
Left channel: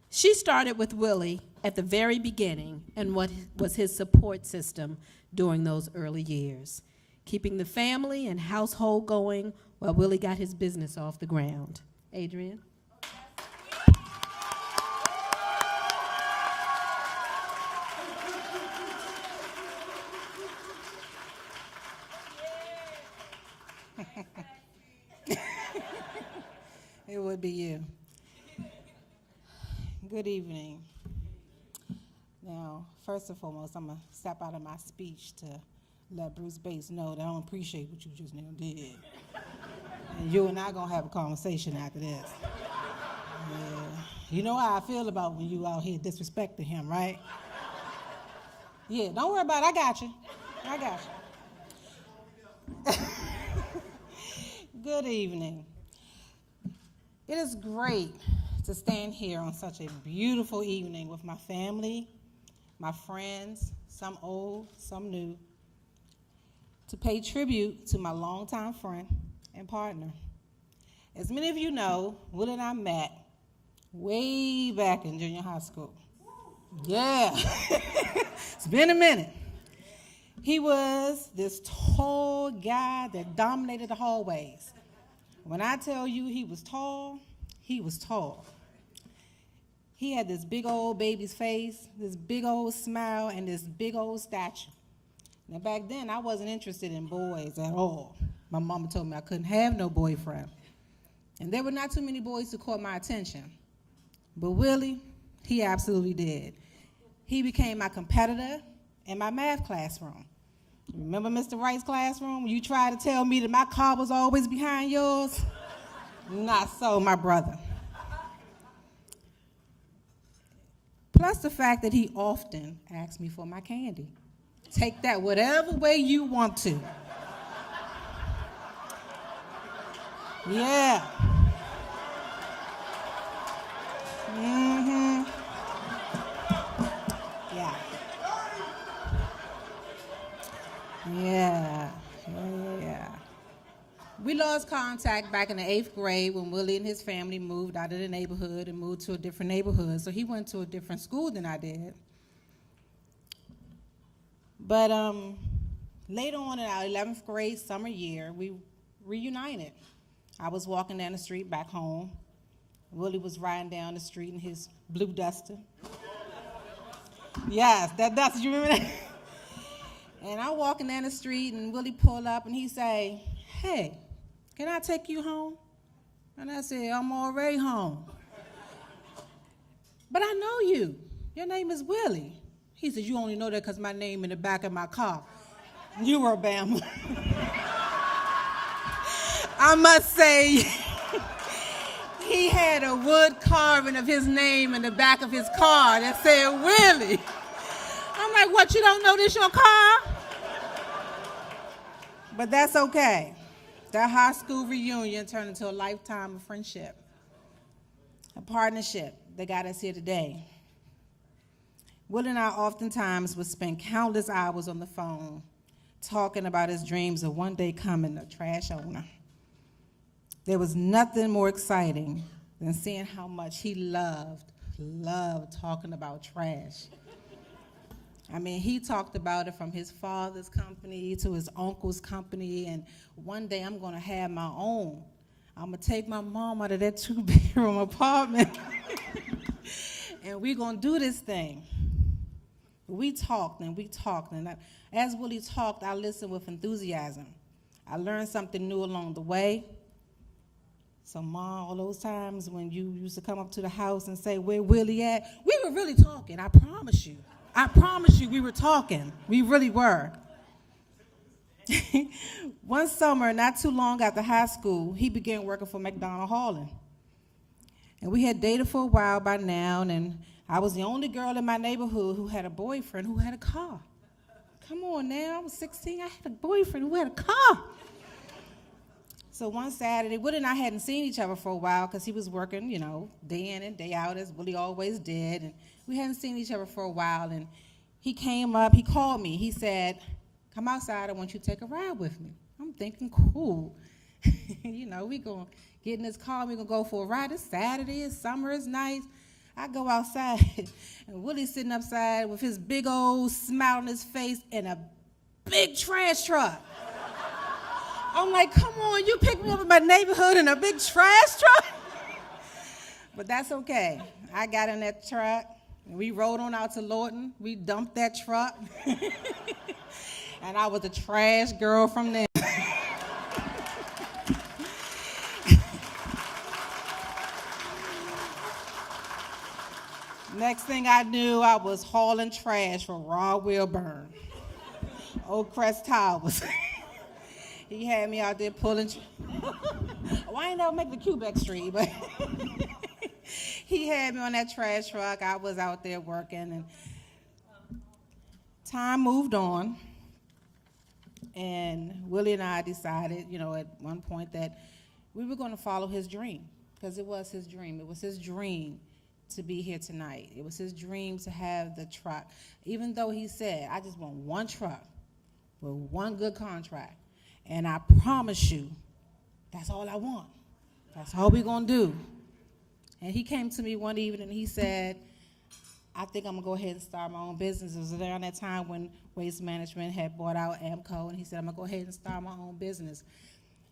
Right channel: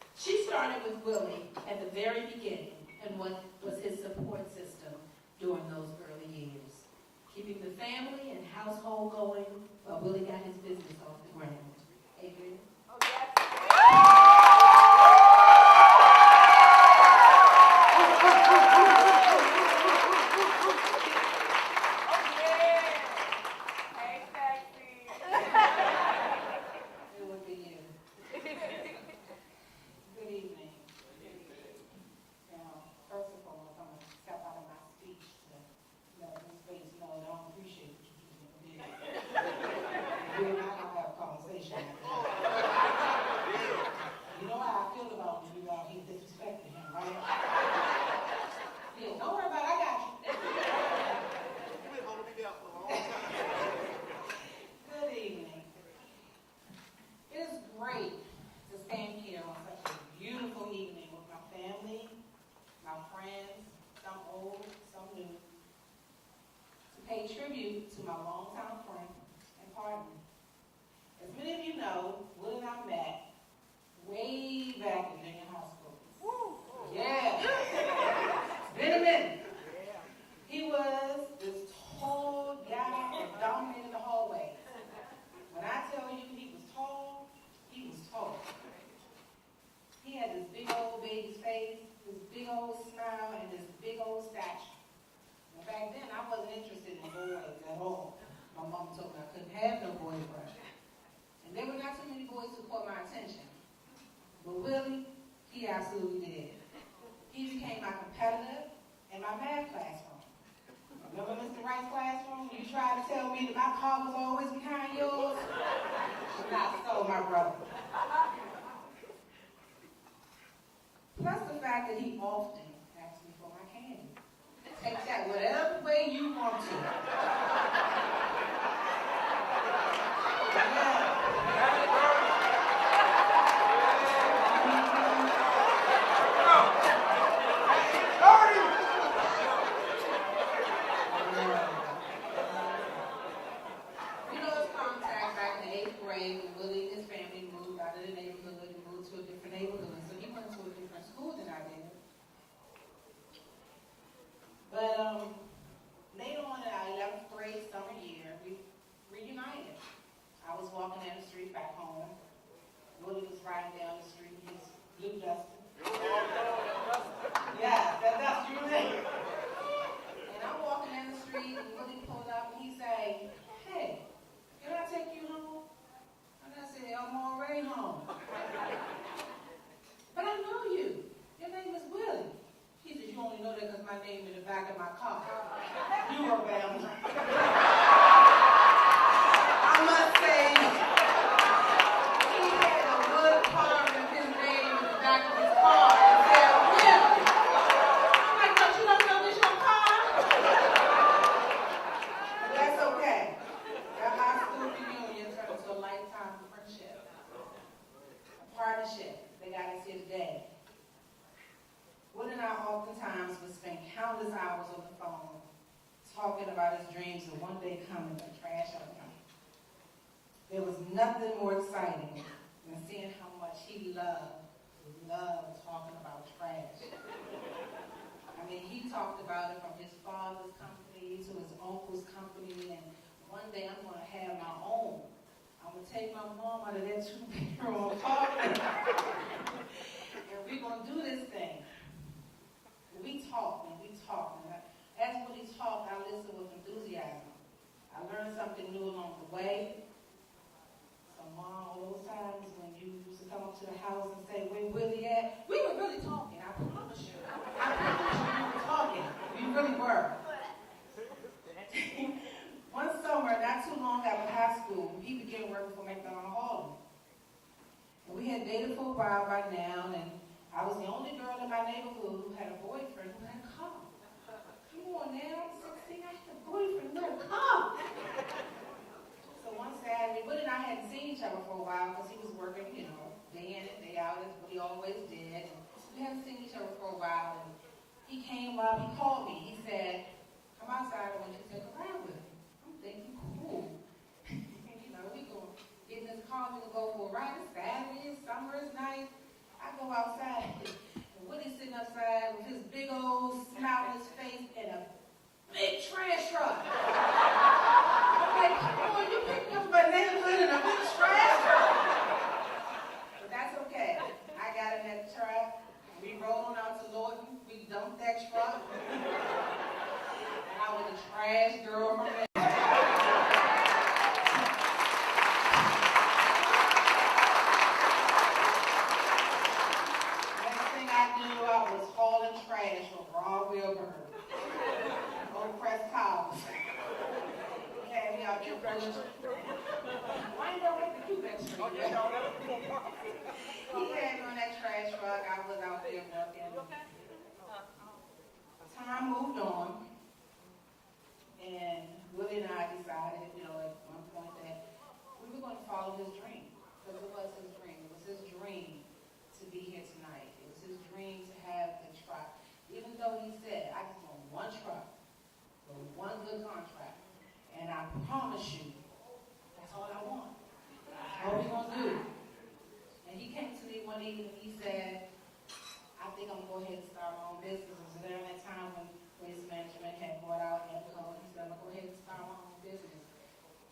She started with Willie at the very beginning and what was his support system during those early years, keeping the family and household going while Willie got his business off the ground. Adrienne? It would be you. Good evening. Now, first and foremost, I'm going to step out of my speech to let Bruce Bates know that I don't appreciate what you just now did. And you and I going to have a conversation after this. You know how I feel about when you out here disrespecting him, right? Yeah, don't worry about it. I got you. Good evening. It is great to stand here on such a beautiful evening with my family, my friends, some old, some new, to pay tribute to my longtime friend and partner. As many of you know, Willie and I met way back in junior high school. Yeah, it's been a minute. He was this tall guy that dominated the hallways. When I tell you he was tall, he was tall. He had this big old baby's face, this big old smile, and this big old stature. Now back then, I wasn't interested in boys at all. My mama told me I couldn't have no boyfriend. And there were not too many boys who caught my attention. But Willie, he absolutely did. He became my competitor in my math classroom. Remember Mr. Wright's classroom? You tried to tell me that my car was always behind yours? Not so, my brother. Plus the fact that he often asked me for my candy. Take that whatever way you want to. Yeah. We lost contact back in the 8th grade when Willie and his family moved out of the neighborhood and moved to a different neighborhood. So he went to a different school than I did. But later on in our 11th grade summer year, we reunited. I was walking down the street back home. Willie was riding down the street in his blue Duster. Yes, that's, you remember that? And I'm walking down the street and Willie pull up and he say, hey, can I take you home? And I said, I'm already home. But I know you. Your name is Willie. He said, you only know that because my name in the back of my car. You were Bama. I must say, he had a wood carving of his name in the back of his car that said Willie. I'm like, what, you don't know this your car? But that's okay. That high school reunion turned into a lifetime of friendship, a partnership that got us here today. Will and I oftentimes would spend countless hours on the phone talking about his dreams of one day coming a trash owner. There was nothing more exciting than seeing how much he loved talking about trash. I mean, he talked about it from his father's company to his uncle's company, and one day I'm gonna have my own. I'm gonna take my mom out of that 2-bedroom apartment and we're gonna do this thing. We talked, and as Willie talked, I listened with enthusiasm. I learned something new along the way. So Mom, all those times when you used to come up to the house and say, where Willie at? We were really talking, I promise you. I promise you we were talking. We really were. One summer, not too long after high school, he began working for McDonald Hauling. And we had dated for a while by now, and I was the only girl in my neighborhood who had a boyfriend who had a car. Come on now, I was 16, I had a boyfriend who had a car. So one Saturday, Willie and I hadn't seen each other for a while because he was working, you know, day in and day out, as Willie always did. And we hadn't seen each other for a while, and he came up, he called me. He said, come outside, I want you to take a ride with me. I'm thinking, cool. You know, we gonna get in this car, we gonna go for a ride. It's Saturday, it's summer, it's nice. I go outside, and Willie's sitting upside with his big old smile on his face and a big trash truck. I'm like, come on, you picked me up in my neighborhood in a big trash truck? But that's okay. I got in that truck, we rode on out to Lawton, we dumped that truck, and I was the trash girl from there. Next thing I knew, I was hauling trash from Raw Wilburn, Old Crest Towers. He had me out there pulling. Well, I ain't never make the Quebec Street, but he had me on that trash truck. I was out there working. And time moved on, and Willie and I decided, you know, at one point that we were going to follow his dream, because it was his dream. It was his dream to be here tonight. It was his dream to have the truck. Even though he said, I just want one truck with one good contract. And I promise you, that's all I want. That's all we're gonna do. And he came to me one evening and he said, I think I'm gonna go ahead and start my own business. It was around that time when Waste Management had bought out AMCO, and he said, I'm gonna go ahead and start my own business.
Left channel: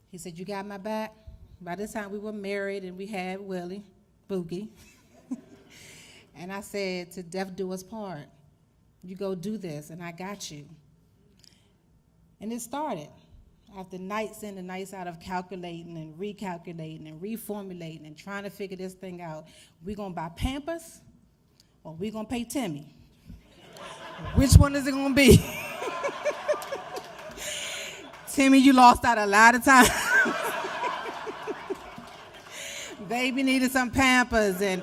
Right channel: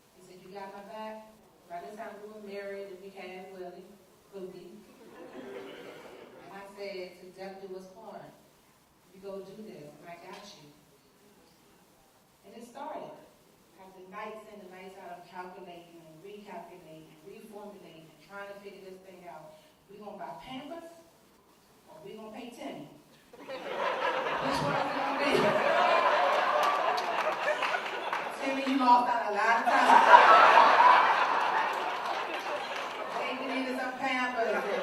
He said, you got my back? By this time we were married and we had Willie, Boogie. And I said, to death do us part. You go do this, and I got you. And it started. After nights in and nights out of calculating and recalculating and reformulating and trying to figure this thing out, we gonna buy Pampers or we gonna pay Timmy? Which one is it gonna be? Timmy, you lost out a lot of time. Baby needed some Pampers and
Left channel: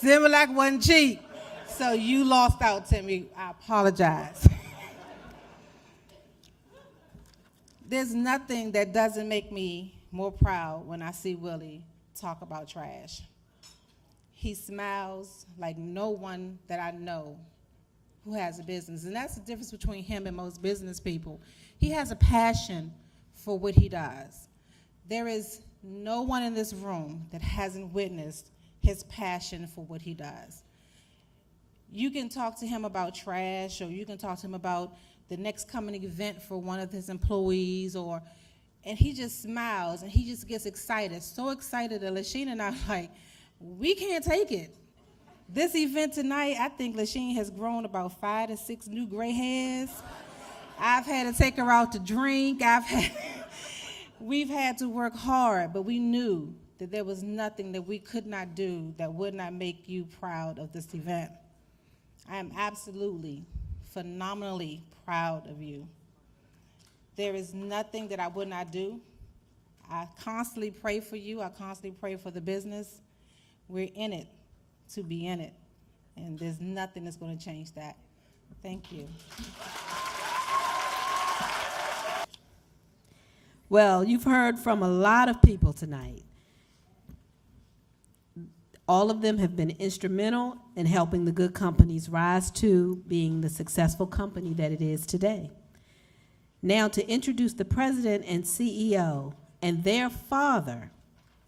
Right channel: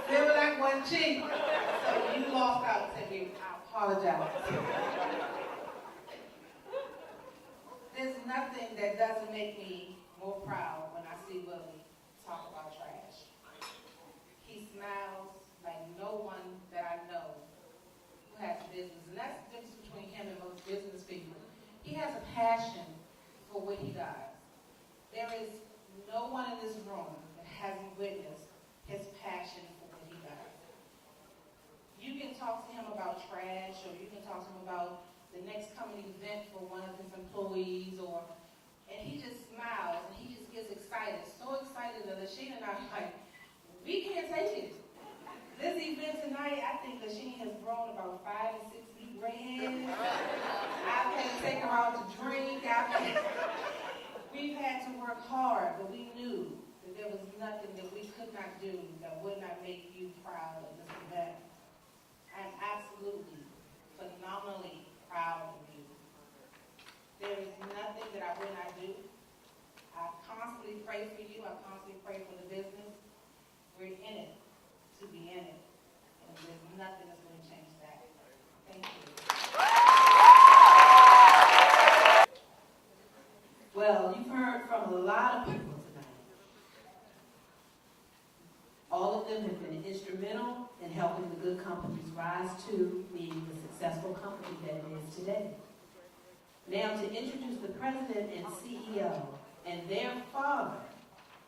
Similac wasn't cheap. So you lost out, Timmy. I apologize. There's nothing that doesn't make me more proud when I see Willie talk about trash. He smiles like no one that I know who has a business. And that's the difference between him and most business people. He has a passion for what he does. There is no one in this room that hasn't witnessed his passion for what he does. You can talk to him about trash, or you can talk to him about the next coming event for one of his employees, and he just smiles and he just gets excited, so excited that Lashina and I are like, we can't take it. This event tonight, I think Lasheen has grown about 5 to 6 new gray hairs. I've had to take her out to drink. We've had to work hard, but we knew that there was nothing that we could not do that would not make you proud of this event. I am absolutely, phenomenally proud of you. There is nothing that I would not do. I constantly pray for you. I constantly pray for the business. We're in it to be in it, and there's nothing that's going to change that. Thank you. Well, you've heard from a lot of people tonight. All of them have been instrumental in helping the Goode Companies rise to being the successful company that it is today. Now, to introduce the president and CEO, and their father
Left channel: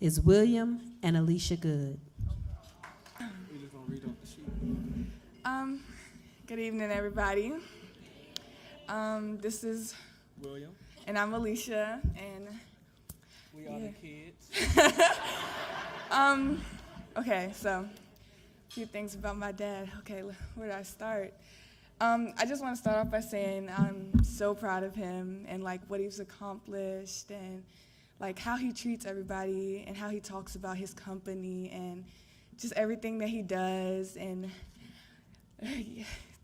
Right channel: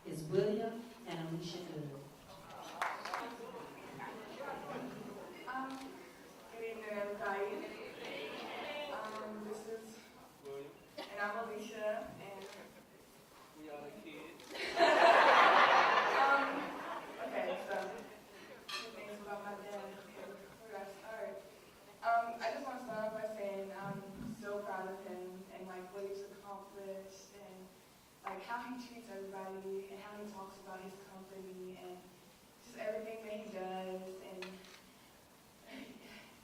is William and Alicia Goode. Good evening, everybody. This is William. And I'm Alicia, and we are the kids. Okay, so a few things about my dad. Okay, where do I start? I just want to start off by saying I'm so proud of him and like what he's accomplished and like how he treats everybody and how he talks about his company and just everything that he does and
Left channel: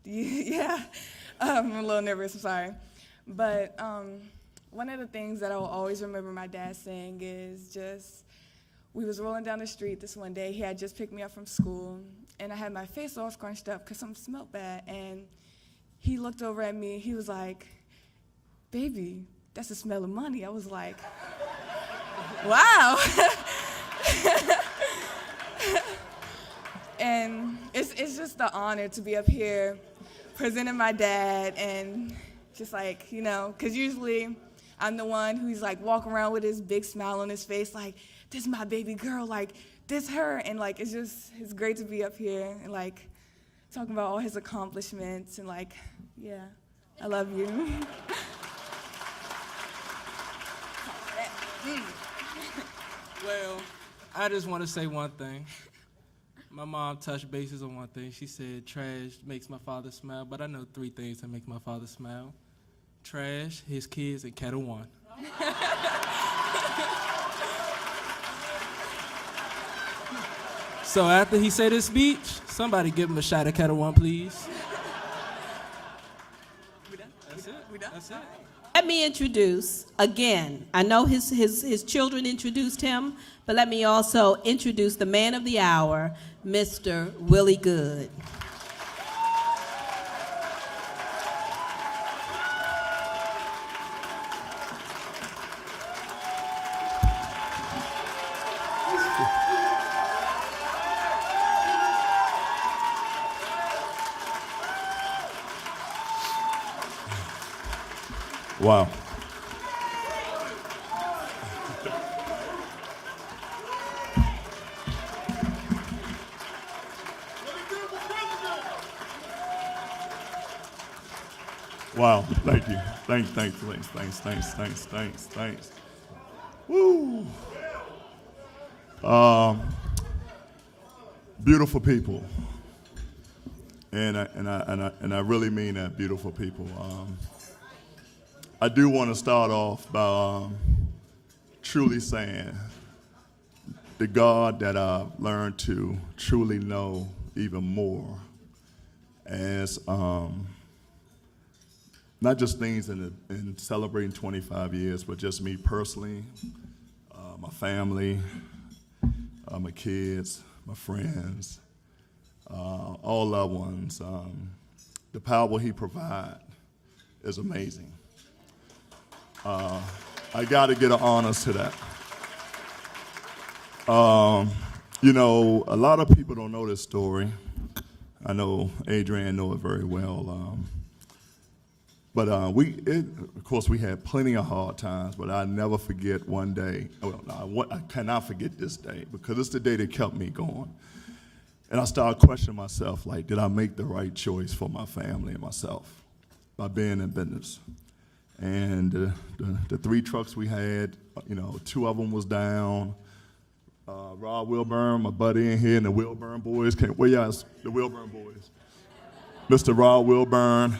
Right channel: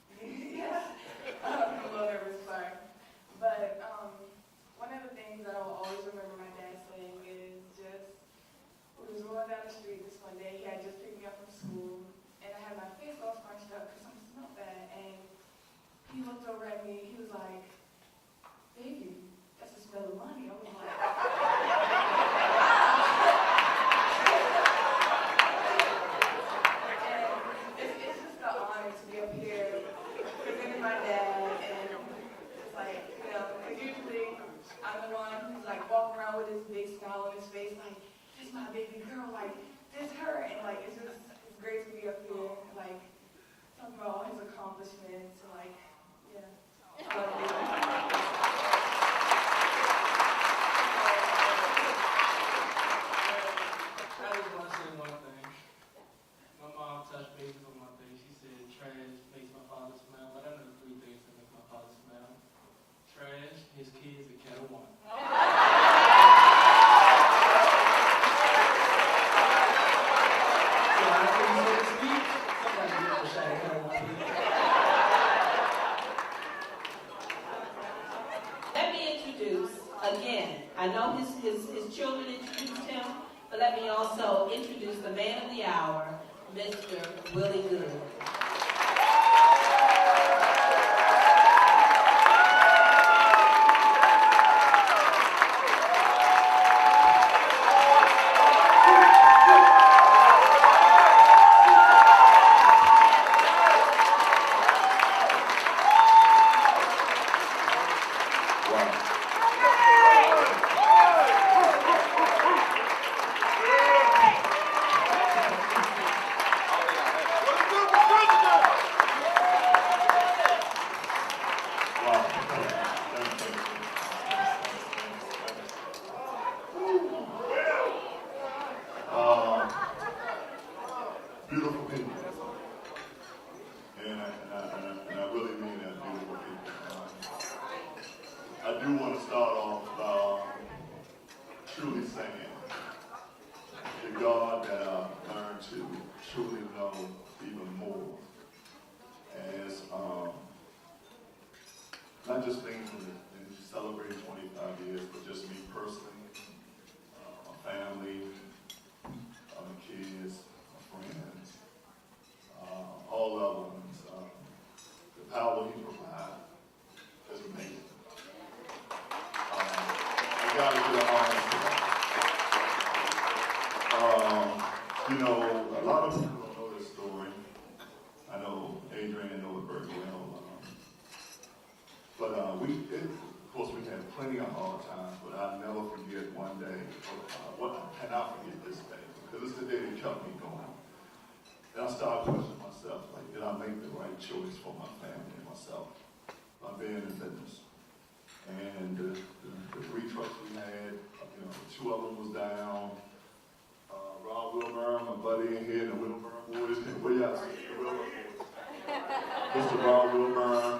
yeah, I'm a little nervous, I'm sorry. But one of the things that I will always remember my dad saying is just, we was rolling down the street this one day, he had just picked me up from school, and I had my face all scrunched up because something smelled bad, and he looked over at me, he was like, "Baby, that's the smell of money." I was like, wow. And it's just an honor to be up here presenting my dad and just like, you know, because usually I'm the one who's like walking around with his big smile on his face like, this is my baby girl, like, this her, and like, it's great to be up here and like talking about all his accomplishments and like, yeah, I love you. Well, I just want to say one thing. My mom touched bases on one thing. She said trash makes my father smile, but I know 3 things that make my father smile. Trash, his kids, and Kettle One. So after he said his speech, somebody give him a shot of Kettle One, please. Let me introduce, again, I know his children introduced him, but let me also introduce the man of the hour, Mr. Willie Goode. Wow. Wow, thank you. Thanks. Woo. Beautiful people. And I really mean that, beautiful people. I do want to start off by truly saying the God that I learned to truly know even more as not just things in celebrating 25 years, but just me personally, my family, my kids, my friends, all loved ones. The power he provides is amazing. I got to get an honors to that. You know, a lot of people don't know this story. I know Adrienne knows it very well. But of course, we had plenty of hard times, but I'll never forget one day. I cannot forget this day because it's the day that kept me going. And I started questioning myself, like, did I make the right choice for my family and myself by being in business? And the 3 trucks we had, you know, 2 of them was down. Rob Wilburn, my buddy in here, and the Wilburn boys. Where y'all? The Wilburn boys. Mr. Rob Wilburn.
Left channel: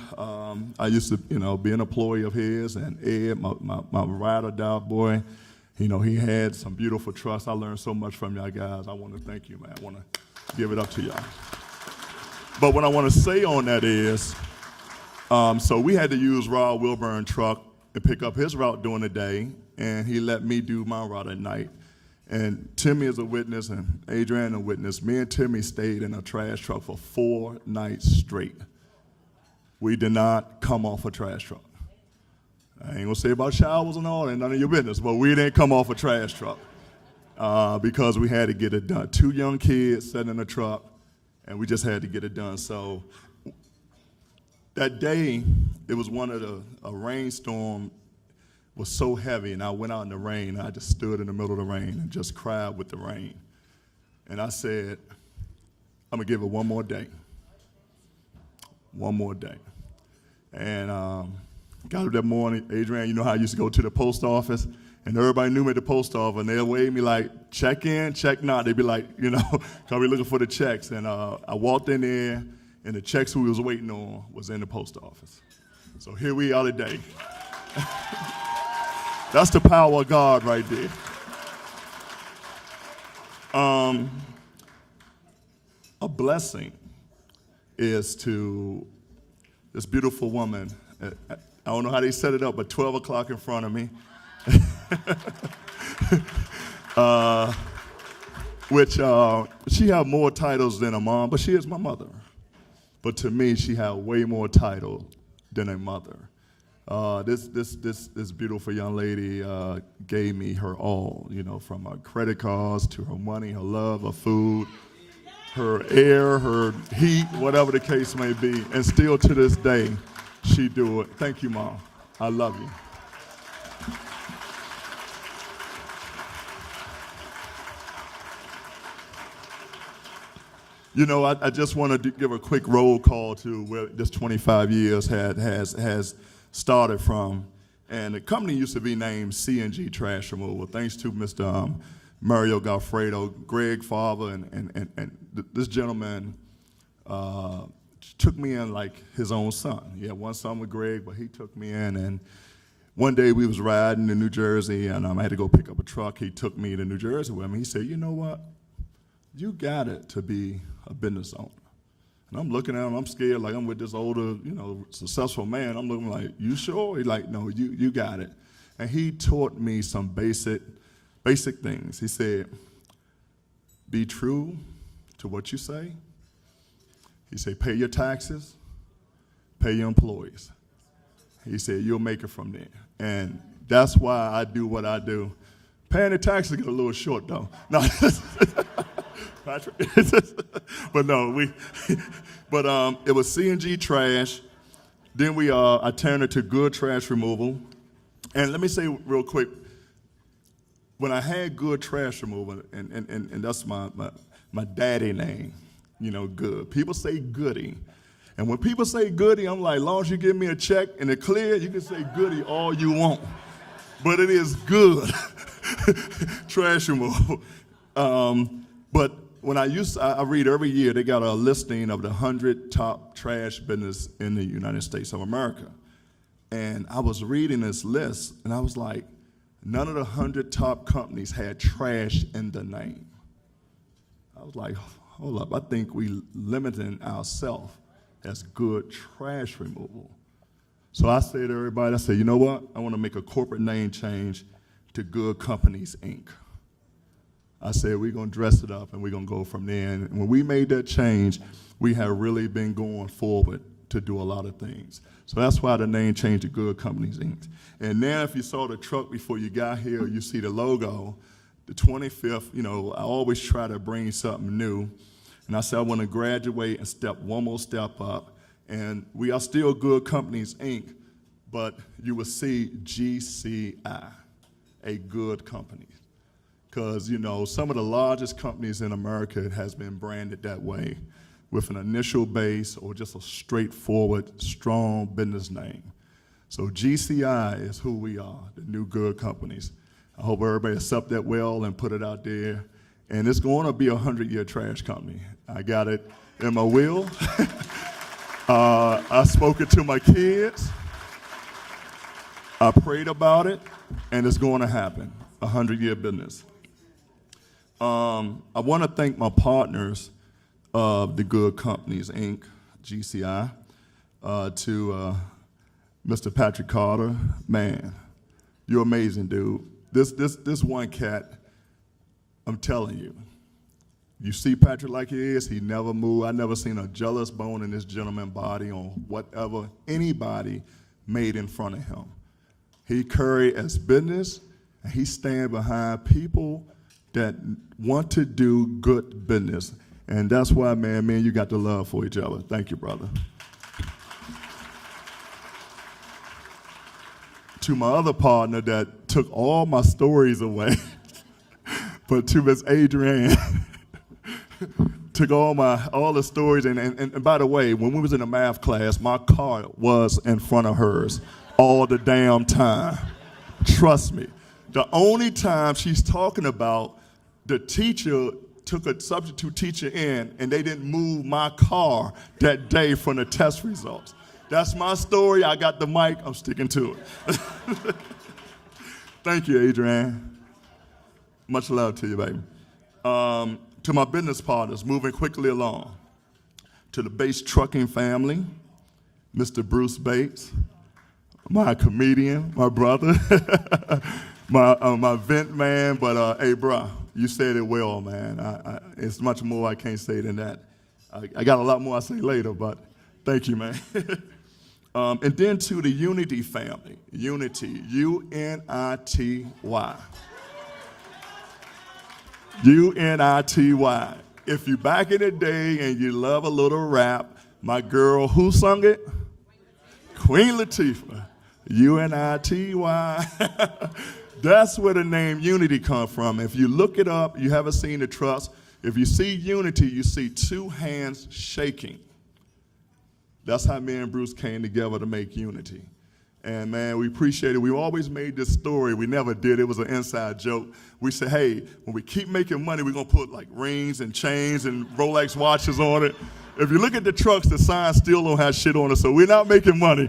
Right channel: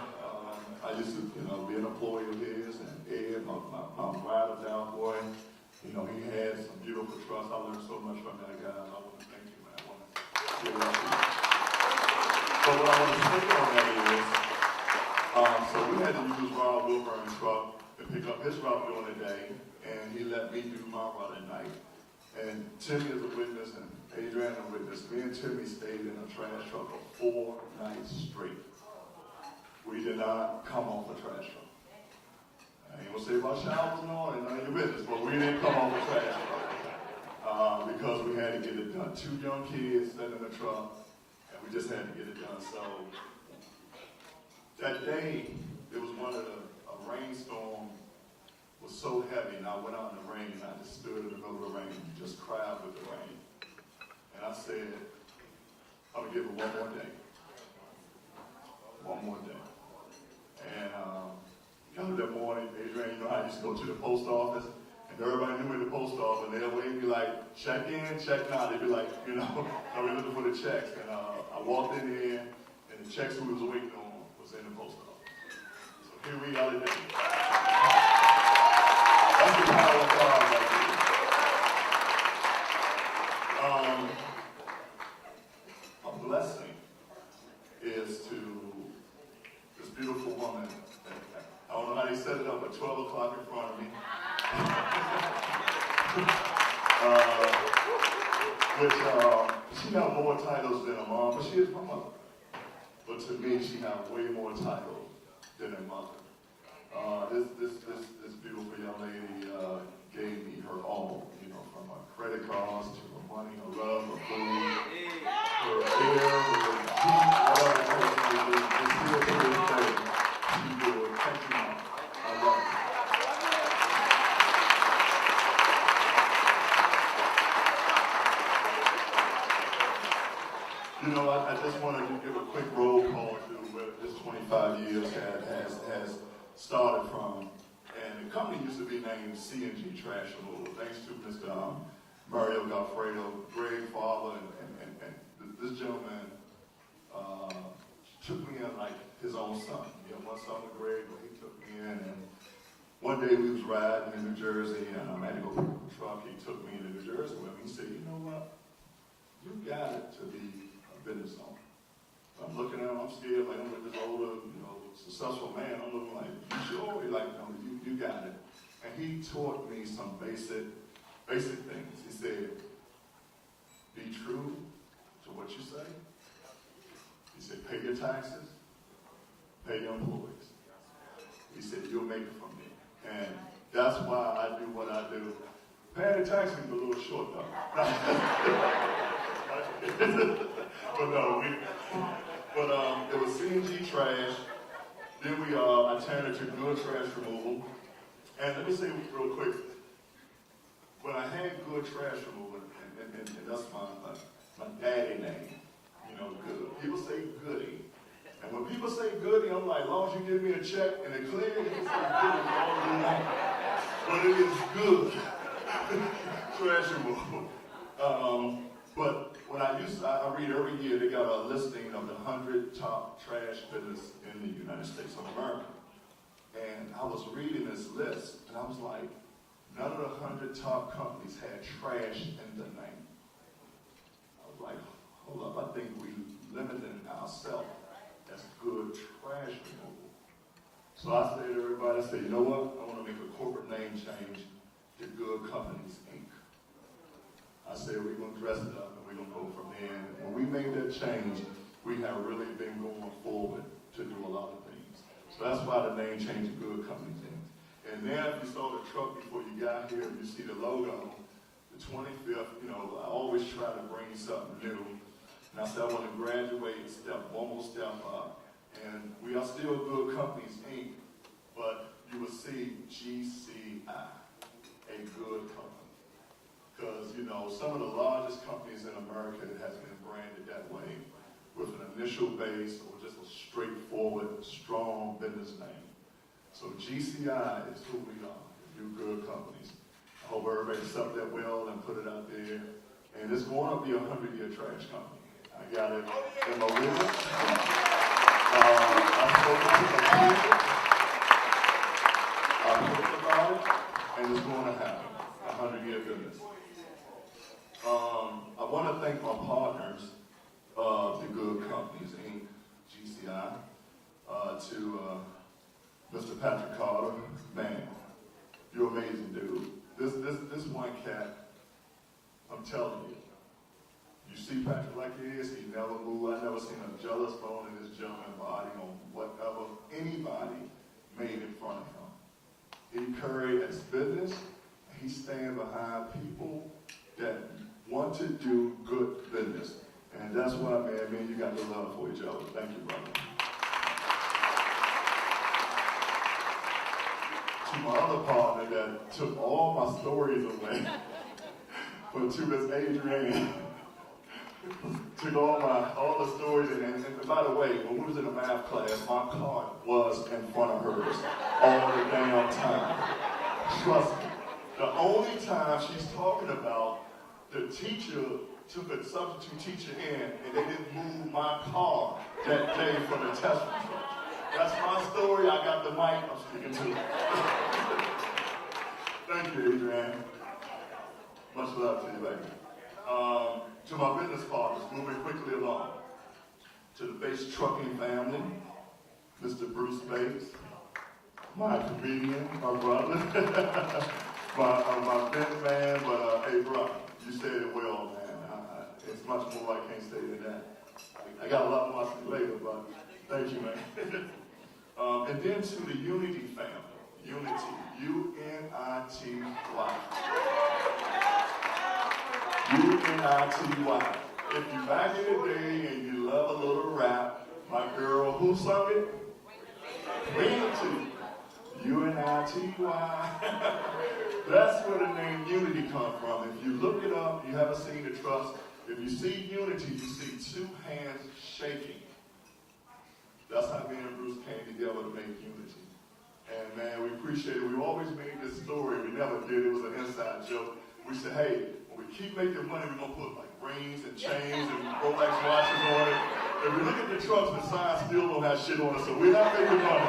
I used to, be an employee of his, and Ed, my ride or die boy. He had some beautiful trucks. I learned so much from y'all guys. I want to thank you, man. I want to give it up to y'all. But what I want to say on that is, so we had to use Rob Wilburn truck to pick up his route during the day, and he let me do my route at night. And Timmy is a witness, and Adrian a witness. Me and Timmy stayed in a trash truck for 4 nights straight. We did not come off a trash truck. I ain't gonna say about showers and all, and none of your business, but we didn't come off a trash truck because we had to get it done. 2 young kids sitting in the truck, and we just had to get it done. So that day, it was a rainstorm was so heavy, and I went out in the rain, and I just stood in the middle of the rain and just cried with the rain. And I said, I'm gonna give it one more day. One more day. And got up that morning, Adrian, you know how I used to go to the post office, and everybody knew me at the post office, and they'll wave me like, check in, check not. They'd be like, cause we looking for the checks. And I walked in there, and the checks we was waiting on was in the post office. So here we are today. That's the power of God right there. A blessing is to this beautiful woman. I don't know how they set it up, but 12 o'clock in front of me. Which she have more titles than a mom, but she is my mother. But to me, she have way more title than a mother. This beautiful young lady gave me her all, from her credit cards to her money, her love, her food, her air, her heat, whatever the case may be. And still to this day, she do it. Thank you, Mom. I love you. I just want to give a quick roll call to where this 25 years has started from. And the company used to be named C&G Trash Removal, thanks to Mr. Mario Galfredo, Greg Farber, and this gentleman took me in like his own son. He had one son with Greg, but he took me in, and one day we was riding in New Jersey, and I had to go pick up a truck. He took me to New Jersey with him. He said, you know what? You got it to be a business owner. And I'm looking at him, I'm scared, like I'm with this older, successful man. I'm looking like, you sure? He's like, no, you got it. And he taught me some basic things. He said, be true to what you say. He said, pay your taxes, pay your employees. He said, you'll make it from there. And that's why I do what I do. Paying the taxes get a little short, though. No. But no, it was C&G Trash. Then I turned it to Goode Trash Removal. And let me say real quick, when I had Goode Trash Removal, and that's my daddy name, Goode. People say Goody. And when people say Goody, I'm like, as long as you give me a check and it clear, you can say Goody all you want. But it is Goode Trash Removal. But when I read every year, they got a listing of the 100 top trash business in the United States of America. And I was reading this list, and I was like, none of the 100 top companies had trash in the name. I was like, hold up, I think we limiting ourselves as Goode Trash Removal. So I say to everybody, I say, you know what? I want to make a corporate name change to Goode Companies, Inc. I said, we're going to dress it up and we're going to go from there. And when we made that change, we have really been going forward to do a lot of things. So that's why the name changed to Goode Companies, Inc. And now if you saw the truck before you got here, you see the logo, the 25th, I always try to bring something new. And I said, I want to graduate and step one more step up. And we are still Goode Companies, Inc., but you will see GCI, a Goode Company. Because, some of the largest companies in America has been branded that way with an initial base or just a straightforward, strong business name. So GCI is who we are, the new Goode Companies. I hope everybody accept that well and put it out there. and it's going to be a 100-year trash company. I got it in my will. I spoke it to my kids. I prayed about it, and it's going to happen, a 100-year business. I want to thank my partners of the Goode Companies, Inc., GCI, to Mr. Patrick Carter. Man, you're amazing, dude. This one cat, I'm telling you, you see Patrick like he is, he never moved. I never seen a jealous bone in this gentleman's body on whatever anybody made in front of him. He carried as business, and he stand behind people that want to do good business. And that's why, man, me and you got the love for each other. Thank you, brother. To my other partner that took all my stories away, but to Miss Adrienne, took all the stories, and by the way, when we was in the math class, my car was in front of hers all the damn time. Trust me. The only time she's talking about the teacher took a substitute teacher in and they didn't move my car that day from the test results. That's my story. I got the mic. I'm sticking to it. Thank you, Adrienne. Much love to you, baby. To my business partners, moving quickly along. To the Bates Trucking family, Mr. Bruce Bates, my comedian, my brother, my vent man, but hey, bro, you said it well, man. It's much more I can't say than that. I got a lot more I say later, but thank you, man. And then to the Unity family, Unity, U-N-I-T-Y. U-N-I-T-Y. If you back in the day and you love a little rap, my girl, who sung it? Queen Latifah. U-N-I-T-Y. That's where the name Unity comes from. If you look it up, you haven't seen the trucks. If you see Unity, you see two hands shaking. That's how me and Bruce came together to make Unity. And man, we appreciate it. We always made this story. We never did. It was an inside joke. We said, hey, when we keep making money, we're gonna put like rings and chains and Rolex watches on it. If you look at the trucks, the sign still don't have shit on it, so we're not making money.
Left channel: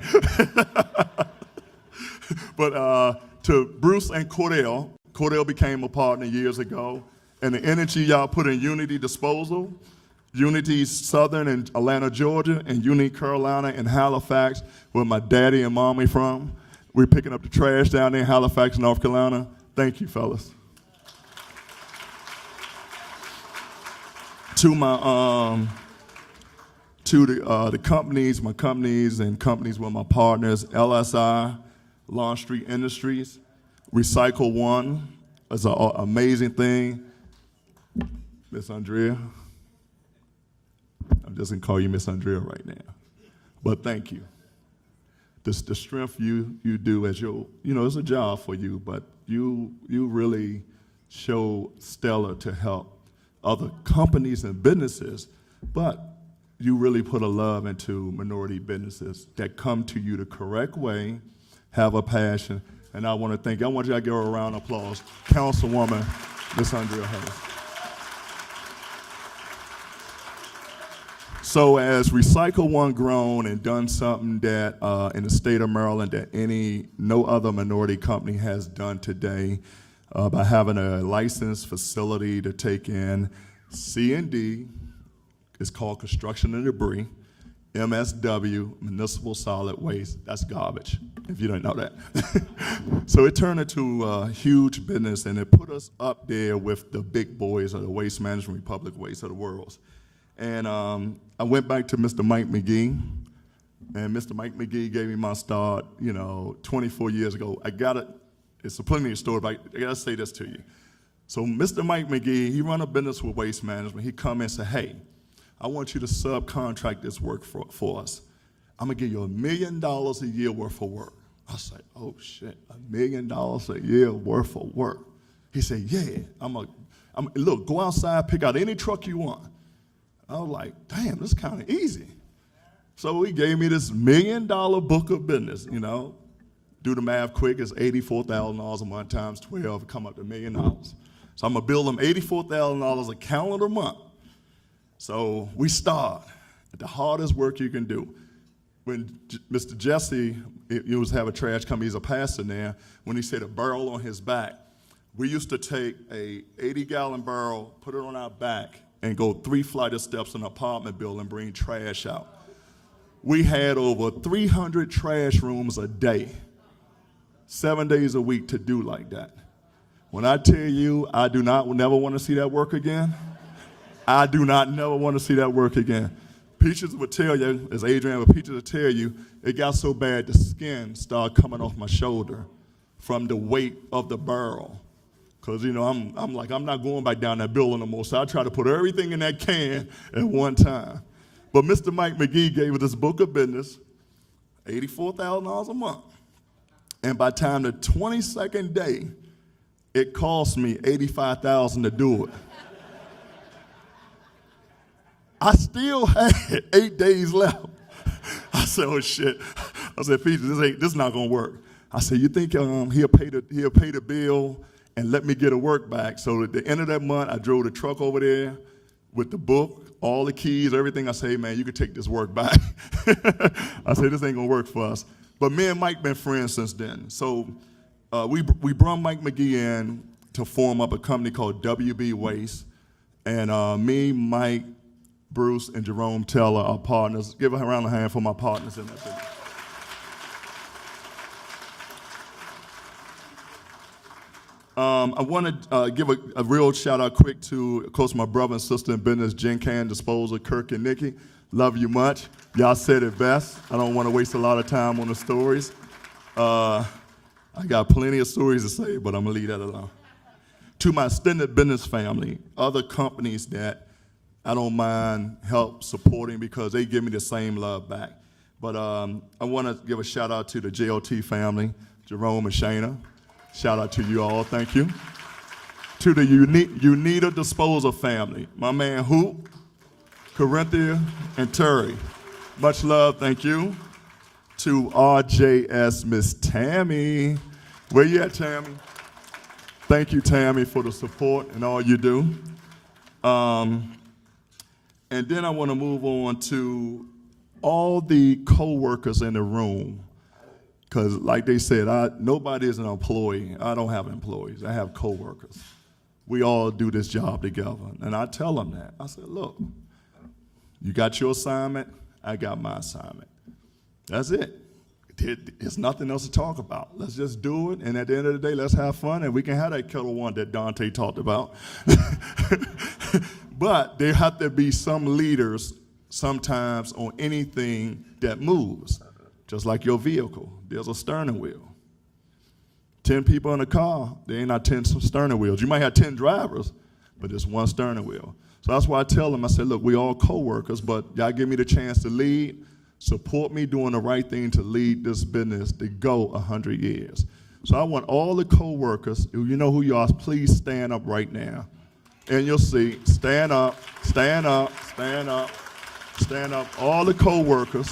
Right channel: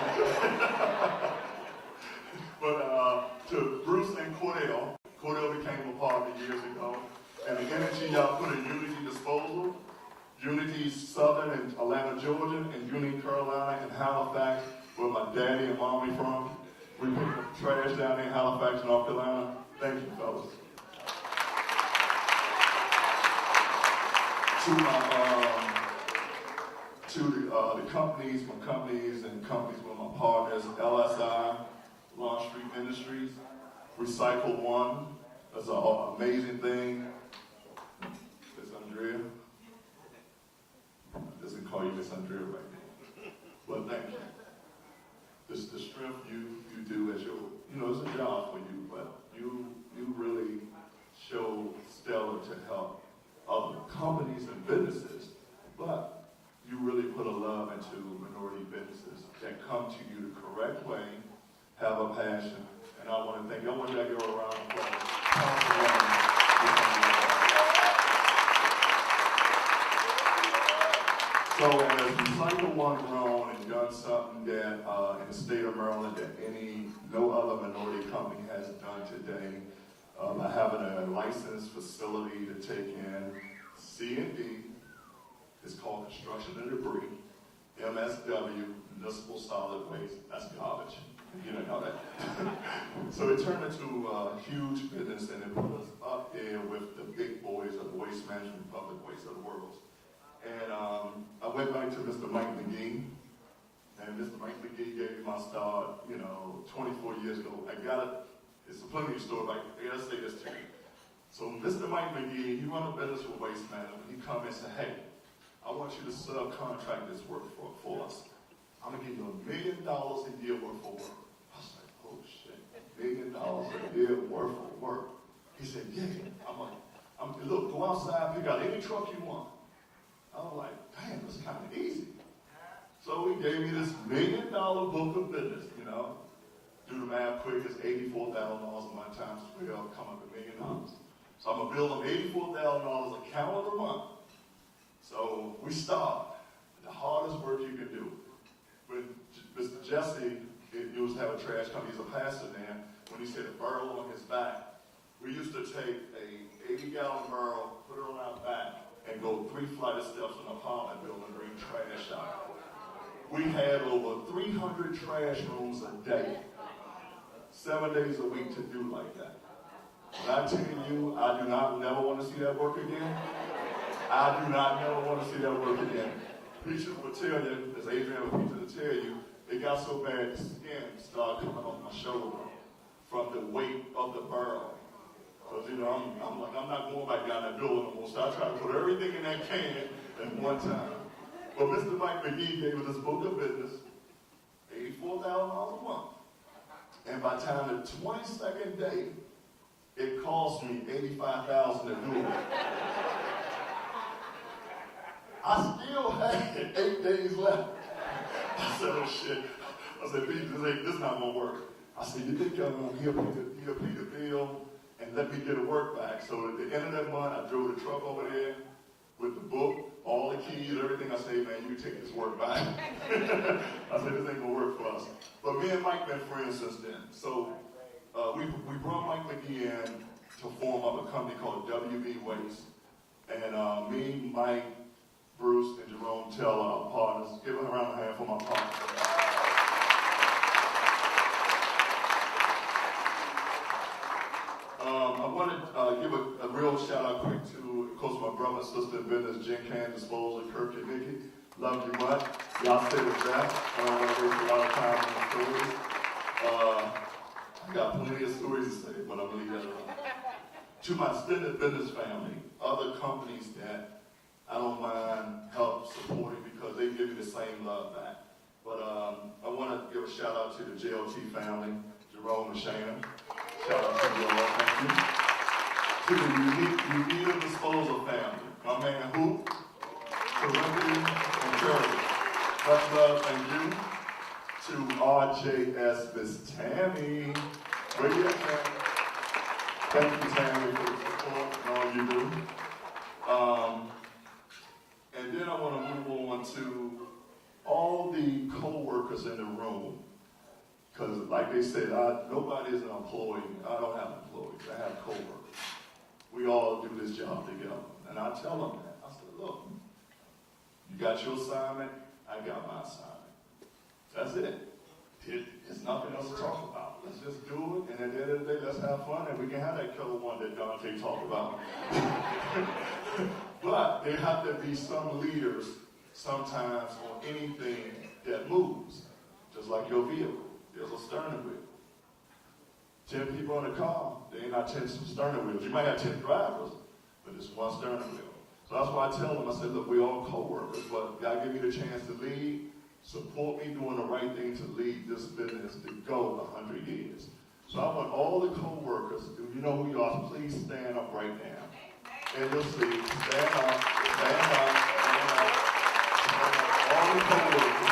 But to Bruce and Cordell became a partner years ago, and the energy y'all put in Unity Disposal, Unity Southern in Atlanta, Georgia, and Unity Carolina and Halifax, where my daddy and mommy from. We're picking up the trash down there in Halifax, North Carolina. Thank you, fellas. To my the companies, my companies and companies with my partners, LSI, Lawn Street Industries, Recycle One is an amazing thing. Miss Andrea, I'm just gonna call you Miss Andrea right now, but thank you. The strength you do as your, it's a job for you, but you really show stellar to help other companies and businesses, but you really put a love into minority businesses that come to you the correct way, have a passion, and I want to thank you. I want you to give her a round of applause. Councilwoman Miss Andrea Hall. So as Recycle One grown and done something that in the state of Maryland that no other minority company has done today, by having a licensed facility to take in C&D, it's called construction and debris, MSW, municipal solid waste, that's garbage, if you don't know that. So it turned into a huge business, and it put us up there with the big boys of the Waste Management Republic Waste of the world. And I went back to Mr. Mike McGee, and Mr. Mike McGee gave me my start, 24 years ago. It's a plenty of story, but I gotta say this to you. So Mr. Mike McGee, he run a business with Waste Management. He come in and say, hey, I want you to subcontract this work for us. I'm gonna give you $1 million a year worth of work. I said, oh shit, $1 million a year worth of work. He said, yeah, look, go outside, pick out any truck you want. I was like, damn, this is kind of easy. So he gave me this $1 million book of business, Do the math quick, it's $84,000 a month times 12, come up to $1 million. So I'm gonna bill them $84,000 a calendar month. So we start at the hardest work you can do. When Mr. Jesse, he was have a trash company, he's a pastor now, when he said a barrel on his back, we used to take a 80-gallon barrel, put it on our back, and go 3 flight of steps in an apartment building and bring trash out. We had over 300 trash rooms a day, 7 days a week to do like that. When I tell you I do not never want to see that work again, I do not never want to see that work again. Peaches would tell you, as Adrian with Peaches would tell you, it got so bad the skin started coming off my shoulder from the weight of the barrel. Because, you know, I'm like, I'm not going back down that building no more, so I try to put everything in that can at one time. But Mr. Mike McGee gave us this book of business, $84,000 a month. And by the time the 22nd day, it cost me $85,000 to do it. I still had 8 days left. I said, oh shit. I said, Peter, this is not gonna work. I said, you think he'll pay the bill and let me get a work back? So at the end of that month, I drove the truck over there with the book, all the keys, everything. I said, hey man, you can take this work back. I said, this ain't gonna work for us. But me and Mike been friends since then. So we brought Mike McGee in to form up a company called WB Waste. And me, Mike, Bruce, and Jerome Teller are partners. Give a round of hand for my partners in there. I want to give a real shout out quick to, of course, my brother and sister in business, Jen Can Disposal, Kirk and Nikki. Love you much. Y'all said it best. I don't want to waste a lot of time on the stories. I got plenty of stories to say, but I'm going to leave that alone. To my extended business family, other companies that I don't mind help supporting because they give me the same love back. But I want to give a shout out to the JLT family, Jerome and Shayna. Shout out to you all, thank you. To the Unita Disposal family, my man Hoop, Corinthia, and Terry. Much love, thank you. To RJS Miss Tammy. Where you at, Tammy? Thank you, Tammy, for the support and all you do. And then I want to move on to all the co-workers in the room. Because like they said, nobody is an employee. I don't have employees. I have co-workers. We all do this job together. And I tell them that. I said, look, you got your assignment, I got my assignment. That's it. There's nothing else to talk about. Let's just do it, and at the end of the day, let's have fun, and we can have that killer one that Dante talked about. But there have to be some leaders sometimes on anything that moves, just like your vehicle. There's a steering wheel. 10 people in a car, there ain't not 10 steering wheels. You might have 10 drivers, but there's one steering wheel. So that's why I tell them, I said, look, we all co-workers, but y'all give me the chance to lead, support me doing the right thing to lead this business to go 100 years. So I want all the co-workers, you know who you are, please stand up right now. In your seat, stand up, stand up, stand up, stand up. All the co-workers,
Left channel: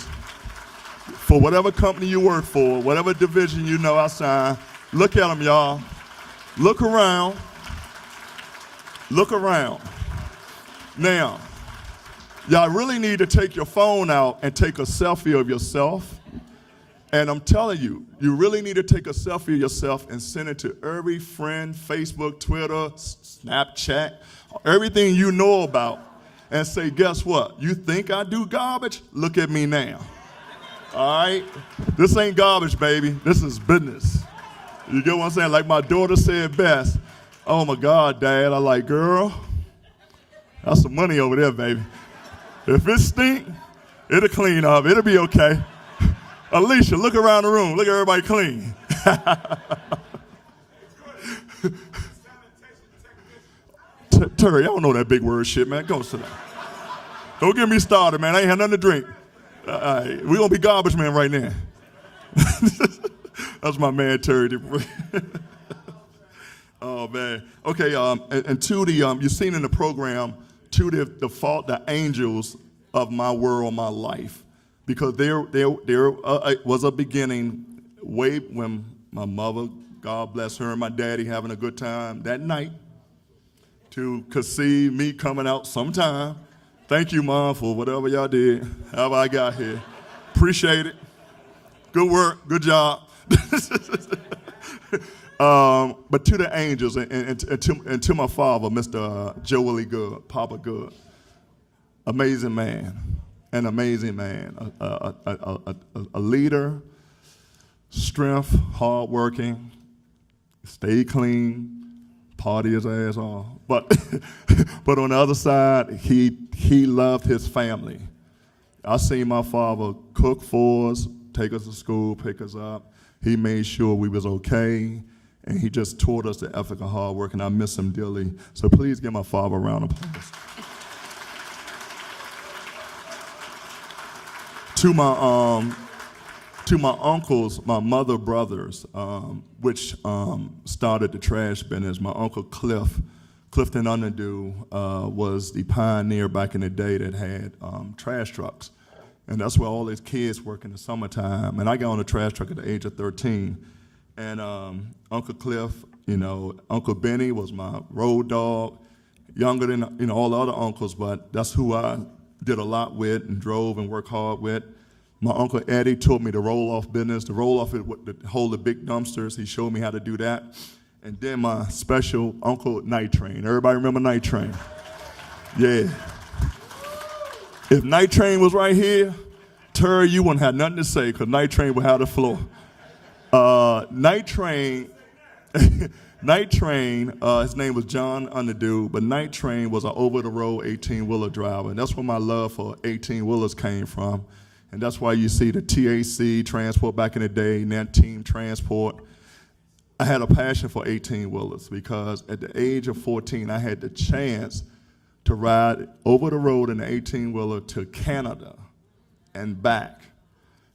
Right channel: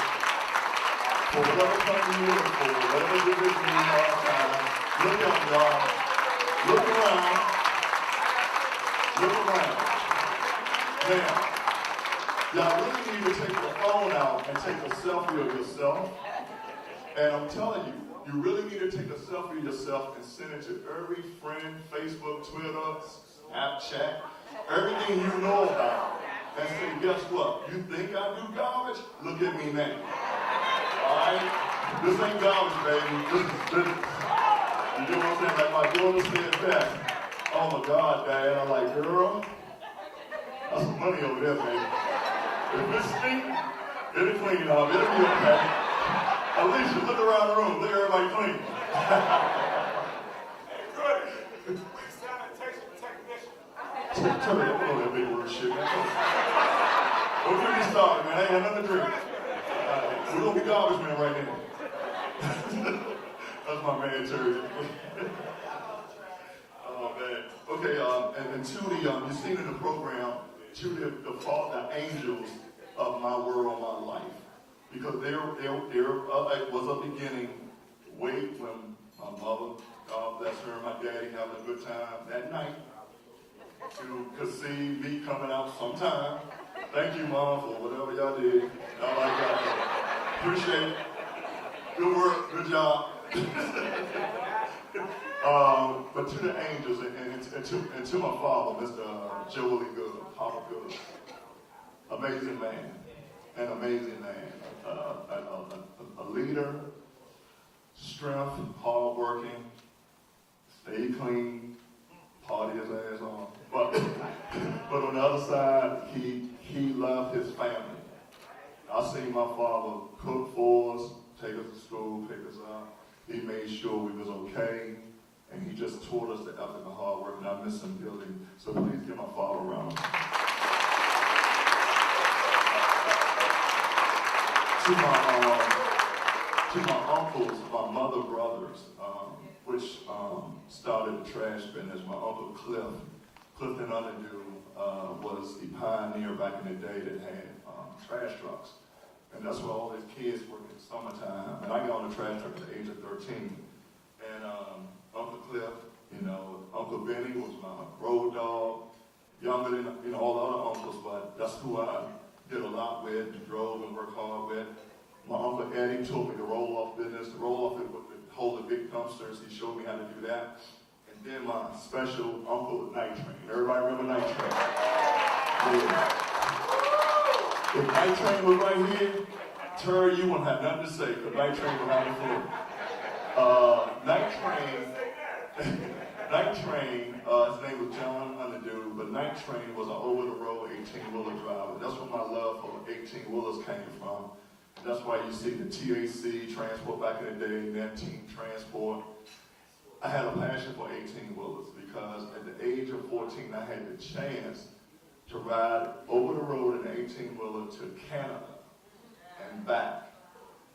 for whatever company you work for, whatever division you know outside, look at them, y'all. Look around. Look around. Now, y'all really need to take your phone out and take a selfie of yourself. And I'm telling you, you really need to take a selfie of yourself and send it to every friend, Facebook, Twitter, Snapchat, everything you know about, and say, guess what? You think I do garbage? Look at me now. All right? This ain't garbage, baby. This is business. You get what I'm saying? Like my daughter said best. Oh my God, Dad. I'm like, girl, that's some money over there, baby. If it stink, it'll clean up. It'll be okay. Alicia, look around the room. Look at everybody clean. Terry, I don't know that big word shit, man. Come on. Don't get me started, man. I ain't had nothing to drink. We gonna be garbage man right now. That's my man, Terry. Oh, man. Okay, and to the, you've seen in the program, to the angels of my world, my life. Because there was a beginning way when my mother, God bless her, and my daddy having a good time that night. to conceive me coming out sometime. Thank you, Mom, for whatever y'all did, however I got here. Appreciate it. Good work, good job. But to the angels and to my father, Mr. Joe Willie Goode, Papa Goode, amazing man, an amazing man, a leader, strength, hardworking, stay clean, party his ass off. But on the other side, he loved his family. I seen my father cook for us, take us to school, pick us up. He made sure we was okay, and he just taught us the ethic of hard work, and I miss him dearly. So please give my father a round of applause. To my uncles, my mother brothers, which started the trash business. My uncle Clifton Underdew, was the pioneer back in the day that had trash trucks. And that's where all these kids work in the summertime. And I got on a trash truck at the age of 13. And Uncle Cliff, Uncle Benny was my road dog, younger than all the other uncles, but that's who I did a lot with and drove and worked hard with. My Uncle Eddie taught me the roll-off business. The roll-off is to hold the big dumpsters. He showed me how to do that. And then my special Uncle Night Train. Everybody remember Night Train? Yeah. If Night Train was right here, Terry, you wouldn't have nothing to say because Night Train would have the floor. Night Train, his name was John Underdew, but Night Train was an over-the-road 18-wheeler driver. And that's where my love for 18-wheelers came from. And that's why you see the TAC transport back in the day, Net Team Transport. I had a passion for 18-wheelers because at the age of 14, I had the chance to ride over the road in an 18-wheeler to Canada and back.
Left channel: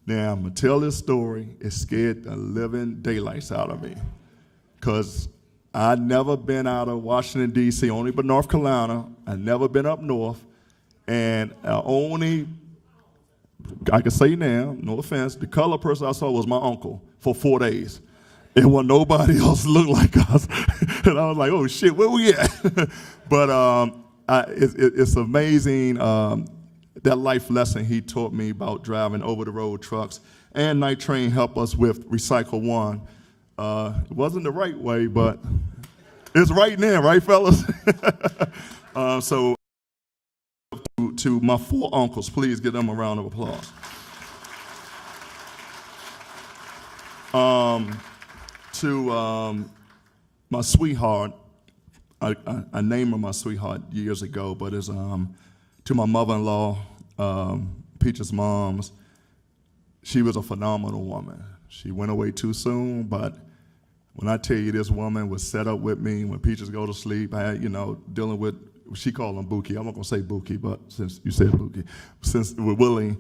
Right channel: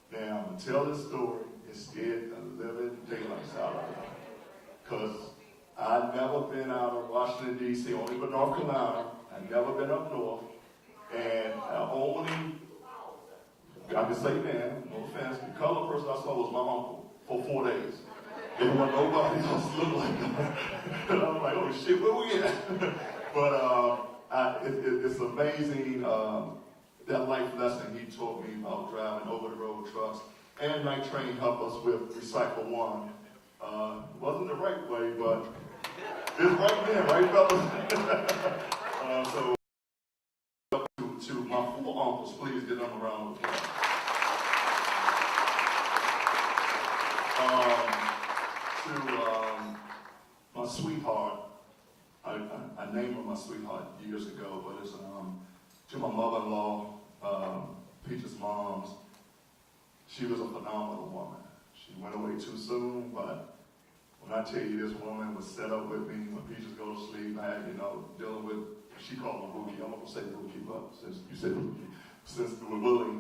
Now, I'm gonna tell this story. It scared the living daylights out of me because I'd never been out of Washington, D.C., only but North Carolina. I'd never been up north. And I can say now, no offense, the color person I saw was my uncle for 4 days. And when nobody else looked like us, and I was like, oh shit, where we at? But it's amazing that life lesson he taught me about driving over-the-road trucks. And Night Train helped us with Recycle One. It wasn't the right way, but it's right now, right, fellas? So to my 4 uncles, please give them a round of applause. To my sweetheart, I named her my sweetheart years ago, but it's to my mother-in-law, Peach's moms. She was a phenomenal woman. She went away too soon, but when I tell you this woman was set up with me when Peaches go to sleep, I had, dealing with, she called him Bookie. I'm not gonna say Bookie, but since you said Bookie, since we're willing,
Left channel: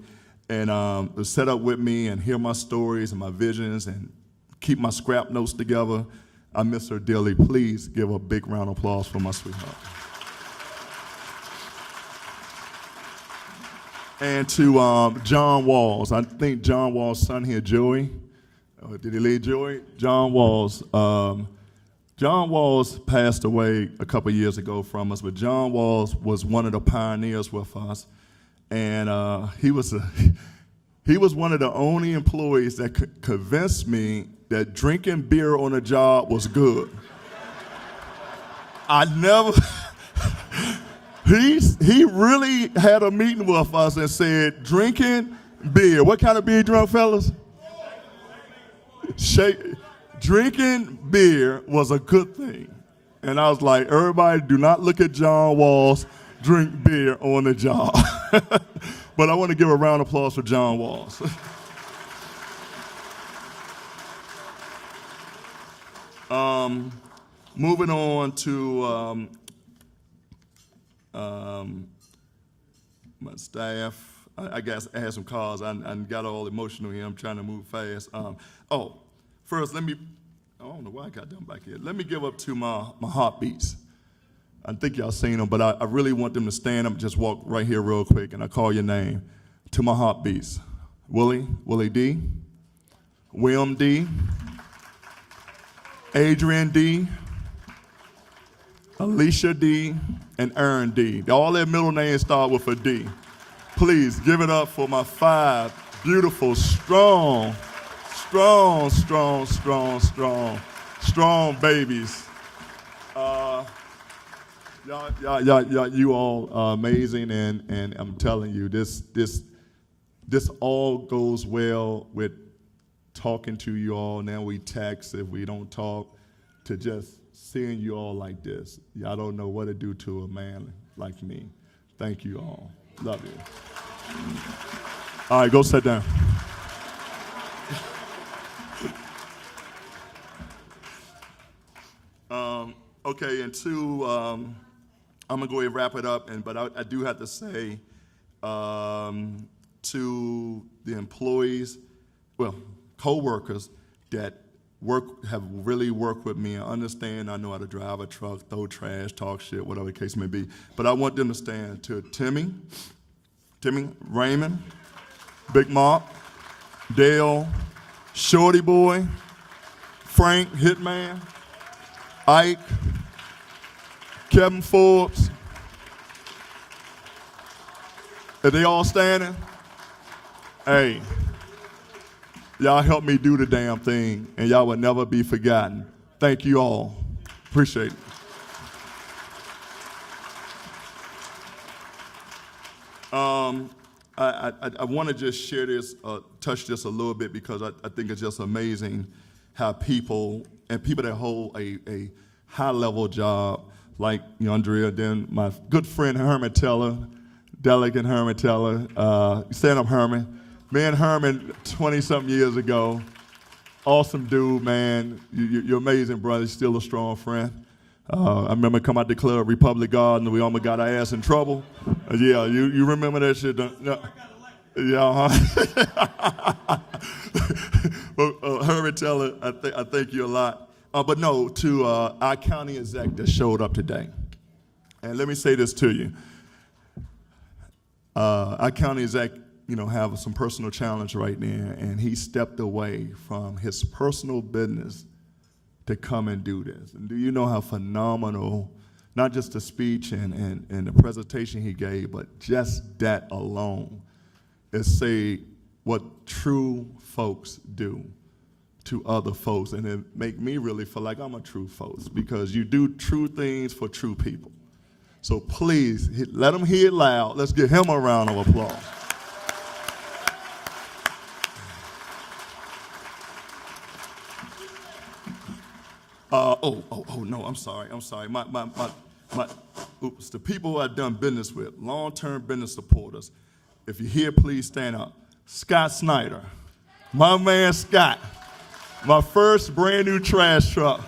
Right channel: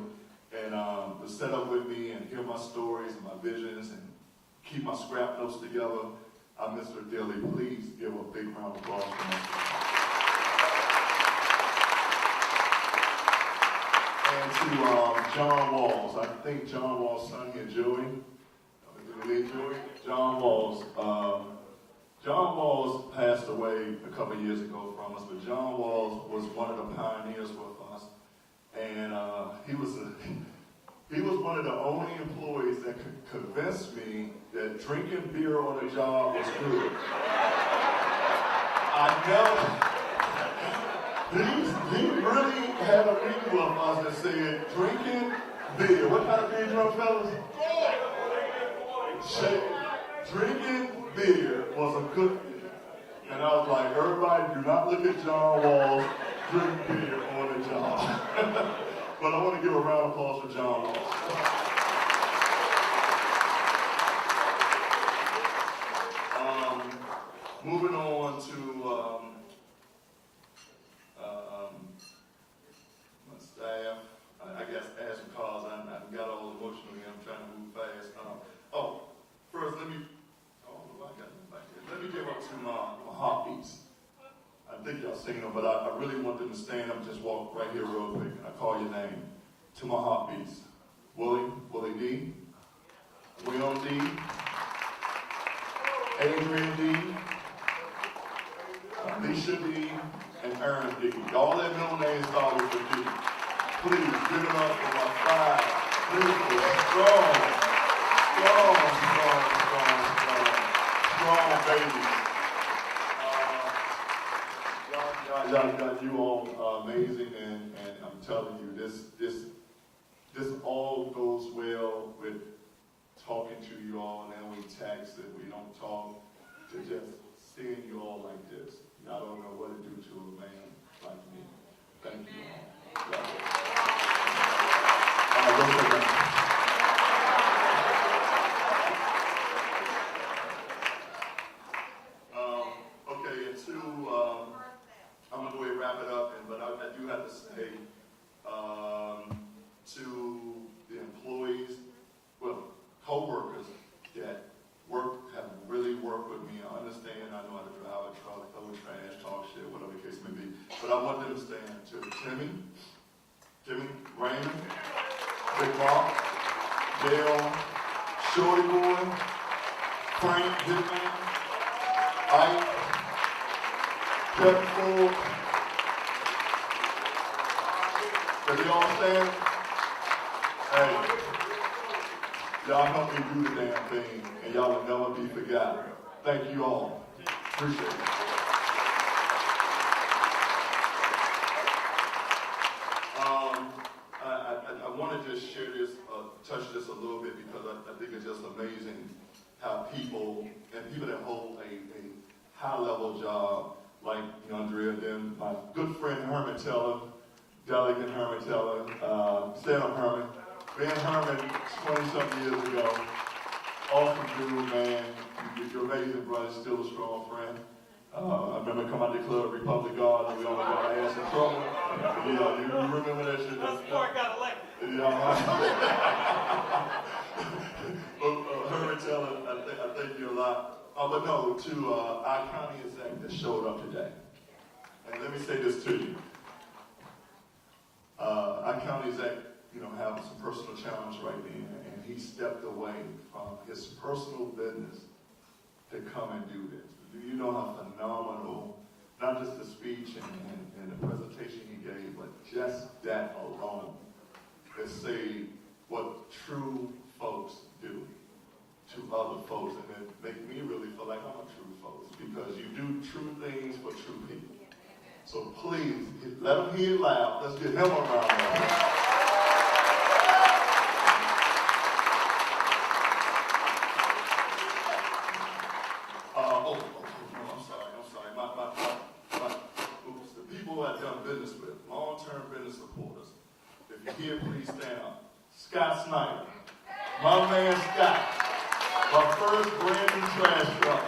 and was set up with me and hear my stories and my visions and keep my scrap notes together. I miss her dearly. Please give a big round of applause for my sweetheart. And to John Walls, I think John Walls' son here, Joey. Did he leave Joey? John Walls. John Walls passed away a couple years ago from us, but John Walls was one of the pioneers with us. And he was one of the only employees that could convince me that drinking beer on the job was good. He really had a meeting with us and said, drinking beer. What kind of beer you drunk, fellas? Drinking beer was a good thing. And I was like, everybody do not look at John Walls drink beer on the job. But I want to give a round of applause for John Walls. Moving on to my staff. I guess I had some calls. I got all emotional here. I'm trying to move fast. First, I don't know why I got them back here. Let me give up to my heartbeats. I think y'all seen them, but I really want them to stand up, just walk right here real quick, and I call your name. To my heartbeats. Willie D, William D, Adrian D, Alicia D, and Aaron D. All their middle names start with a D. Please give it up for my 5 beautiful, strong babies. You all are amazing, and I'm telling you, this all goes well with talking to you all. Now we text if we don't talk, to just seeing you all like this. Y'all don't know what it do to a man like me. Thank you all. Love you. All right, go sit down. Okay, and 2, I'm gonna go ahead and wrap it up, but I do have to say to the employees, well, co-workers that have really worked with me and understand I know how to drive a truck, throw trash, talk shit, whatever the case may be. But I want them to stand to Timmy, Raymond, Big Mark, Dale, Shorty Boy, Frank, Hitman, Ike, Kevin Forbes. Are they all standing? Hey, y'all helped me do the damn thing, and y'all will never be forgotten. Thank you all. Appreciate it. I want to just share this, touch this a little bit, because I think it's just amazing how people that hold a high-level job, like Andrea, then my good friend Herman Teller, Delegate Herman Teller, stand up Herman. Me and Herman 20-something years ago, awesome dude, man. You're amazing, brother, still a strong friend. I remember coming out the club, Republic Garden, and we almost got our ass in trouble. Yeah, you remember that shit? Yeah, But Herman Teller, I thank you a lot. But no, to our county exec that showed up today. And let me say this to you. Our county exec, have some personal challenge right now, and he stepped away from his personal business to come and do this. And do you know how phenomenal, not just the speech and the presentation he gave, but just that alone is say what true folks do to other folks, and it make me really feel like I'm a true folks, because you do true things for true people. So please, let him hear it loud. Let's give him a round of applause. No, I'm sorry. Oops, the people I've done business with, long-term business supporters. If you're here, please stand up. Scott Snyder, my man Scott, my first brand new trash truck.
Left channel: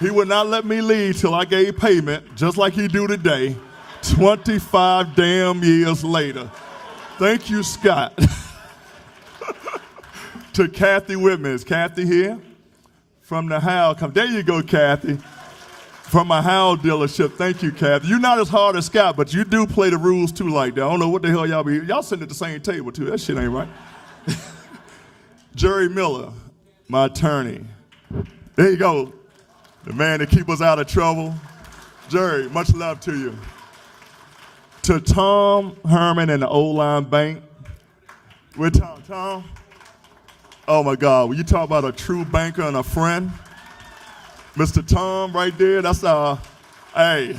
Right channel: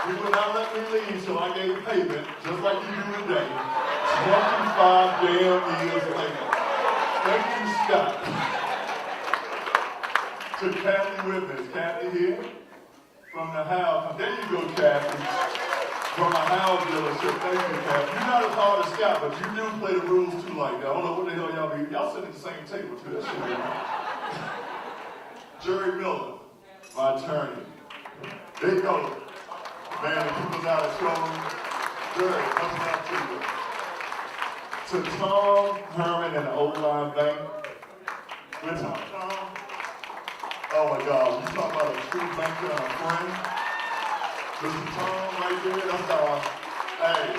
He would not let me leave till I gave payment, just like he do today, 25 damn years later. Thank you, Scott. To Kathy Whitman. Is Kathy here? From the Howe, there you go, Kathy. From my Howe dealership, thank you, Kathy. You're not as hard as Scott, but you do play the rules too like that. I don't know what the hell y'all sitting at the same table too. That shit ain't right. Jerry Miller, my attorney. There you go. The man that keeps us out of trouble. Jerry, much love to you. To Tom Herman and the Old Line Bank. We're Tom. Oh my God, when you talk about a true banker and a friend, Mr. Tom right there, that's hey,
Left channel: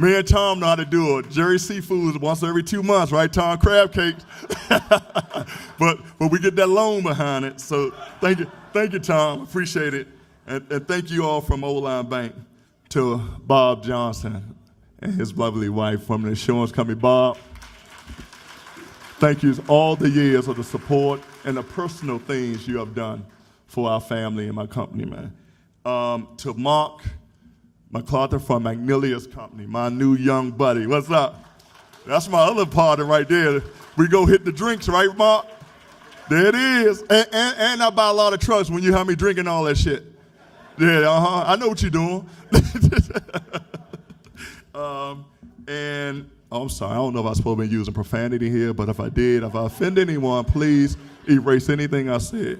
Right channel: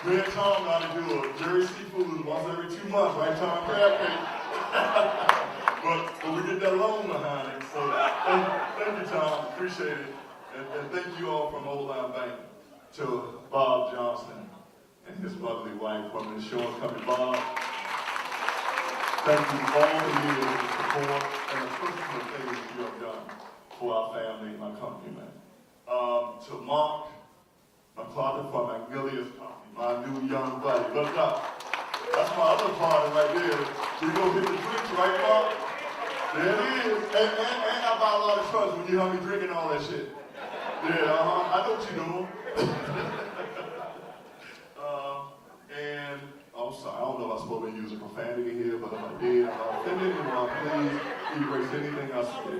me and Tom know how to do it. Jerry Seafoods once every 2 months, right, Tom? Crab cake. but we get that loan behind it, so thank you, Tom, appreciate it. And thank you all from Old Line Bank to Bob Johnson and his lovely wife from the insurance company. Bob, thank you for all the years of the support and the personal things you have done for our family and my company, man. To Mark McClarty from Magnolia's company, my new young buddy. What's up? That's my other partner right there. We go hit the drinks, right, Mark? There it is. And I buy a lot of trucks when you have me drinking all that shit. Yeah, I know what you're doing. I'm sorry, I don't know if I'm supposed to be using profanity here, but if I did, if I offend anyone, please erase anything I said.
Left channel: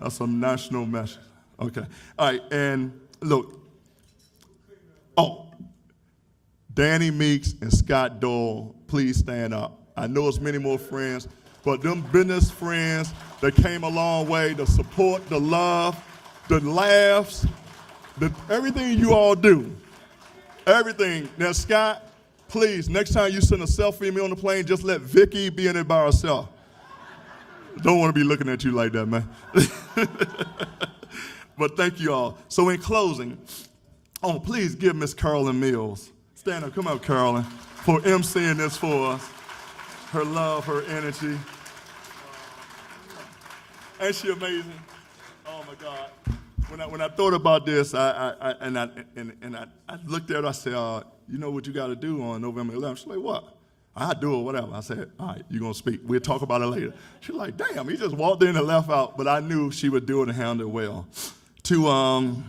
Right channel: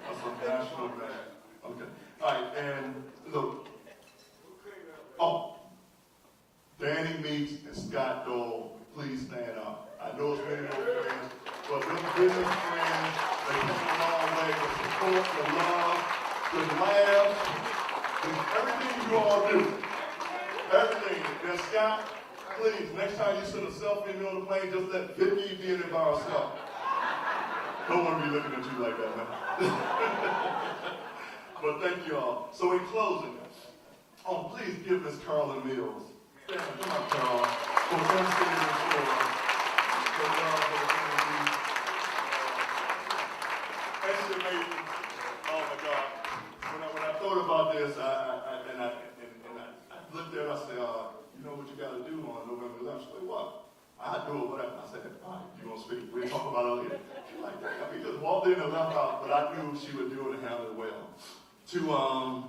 That's a national message. Okay. All right, and look, Oh, Danny Meeks and Scott Dole, please stand up. I know it's many more friends, but them business friends that came a long way, the support, the love, the laughs, everything you all do. Everything. Now, Scott, please, next time you send a selfie of me on the plane, just let Vicky be in it by herself. Don't want to be looking at you like that, man. But thank you all. So in closing, please give Miss Carolyn Mills, stand up, come out, Carolyn, for emceeing this for us. Her love, her energy. Ain't she amazing? Oh my God. When I thought about this, I looked at her, I said, you know what you got to do on November 11th? She's like, what? I'll do it, whatever. I said, all right, you're going to speak. We'll talk about it later. She's like, damn, he just walked in and left out, but I knew she would do it and handle it well. To,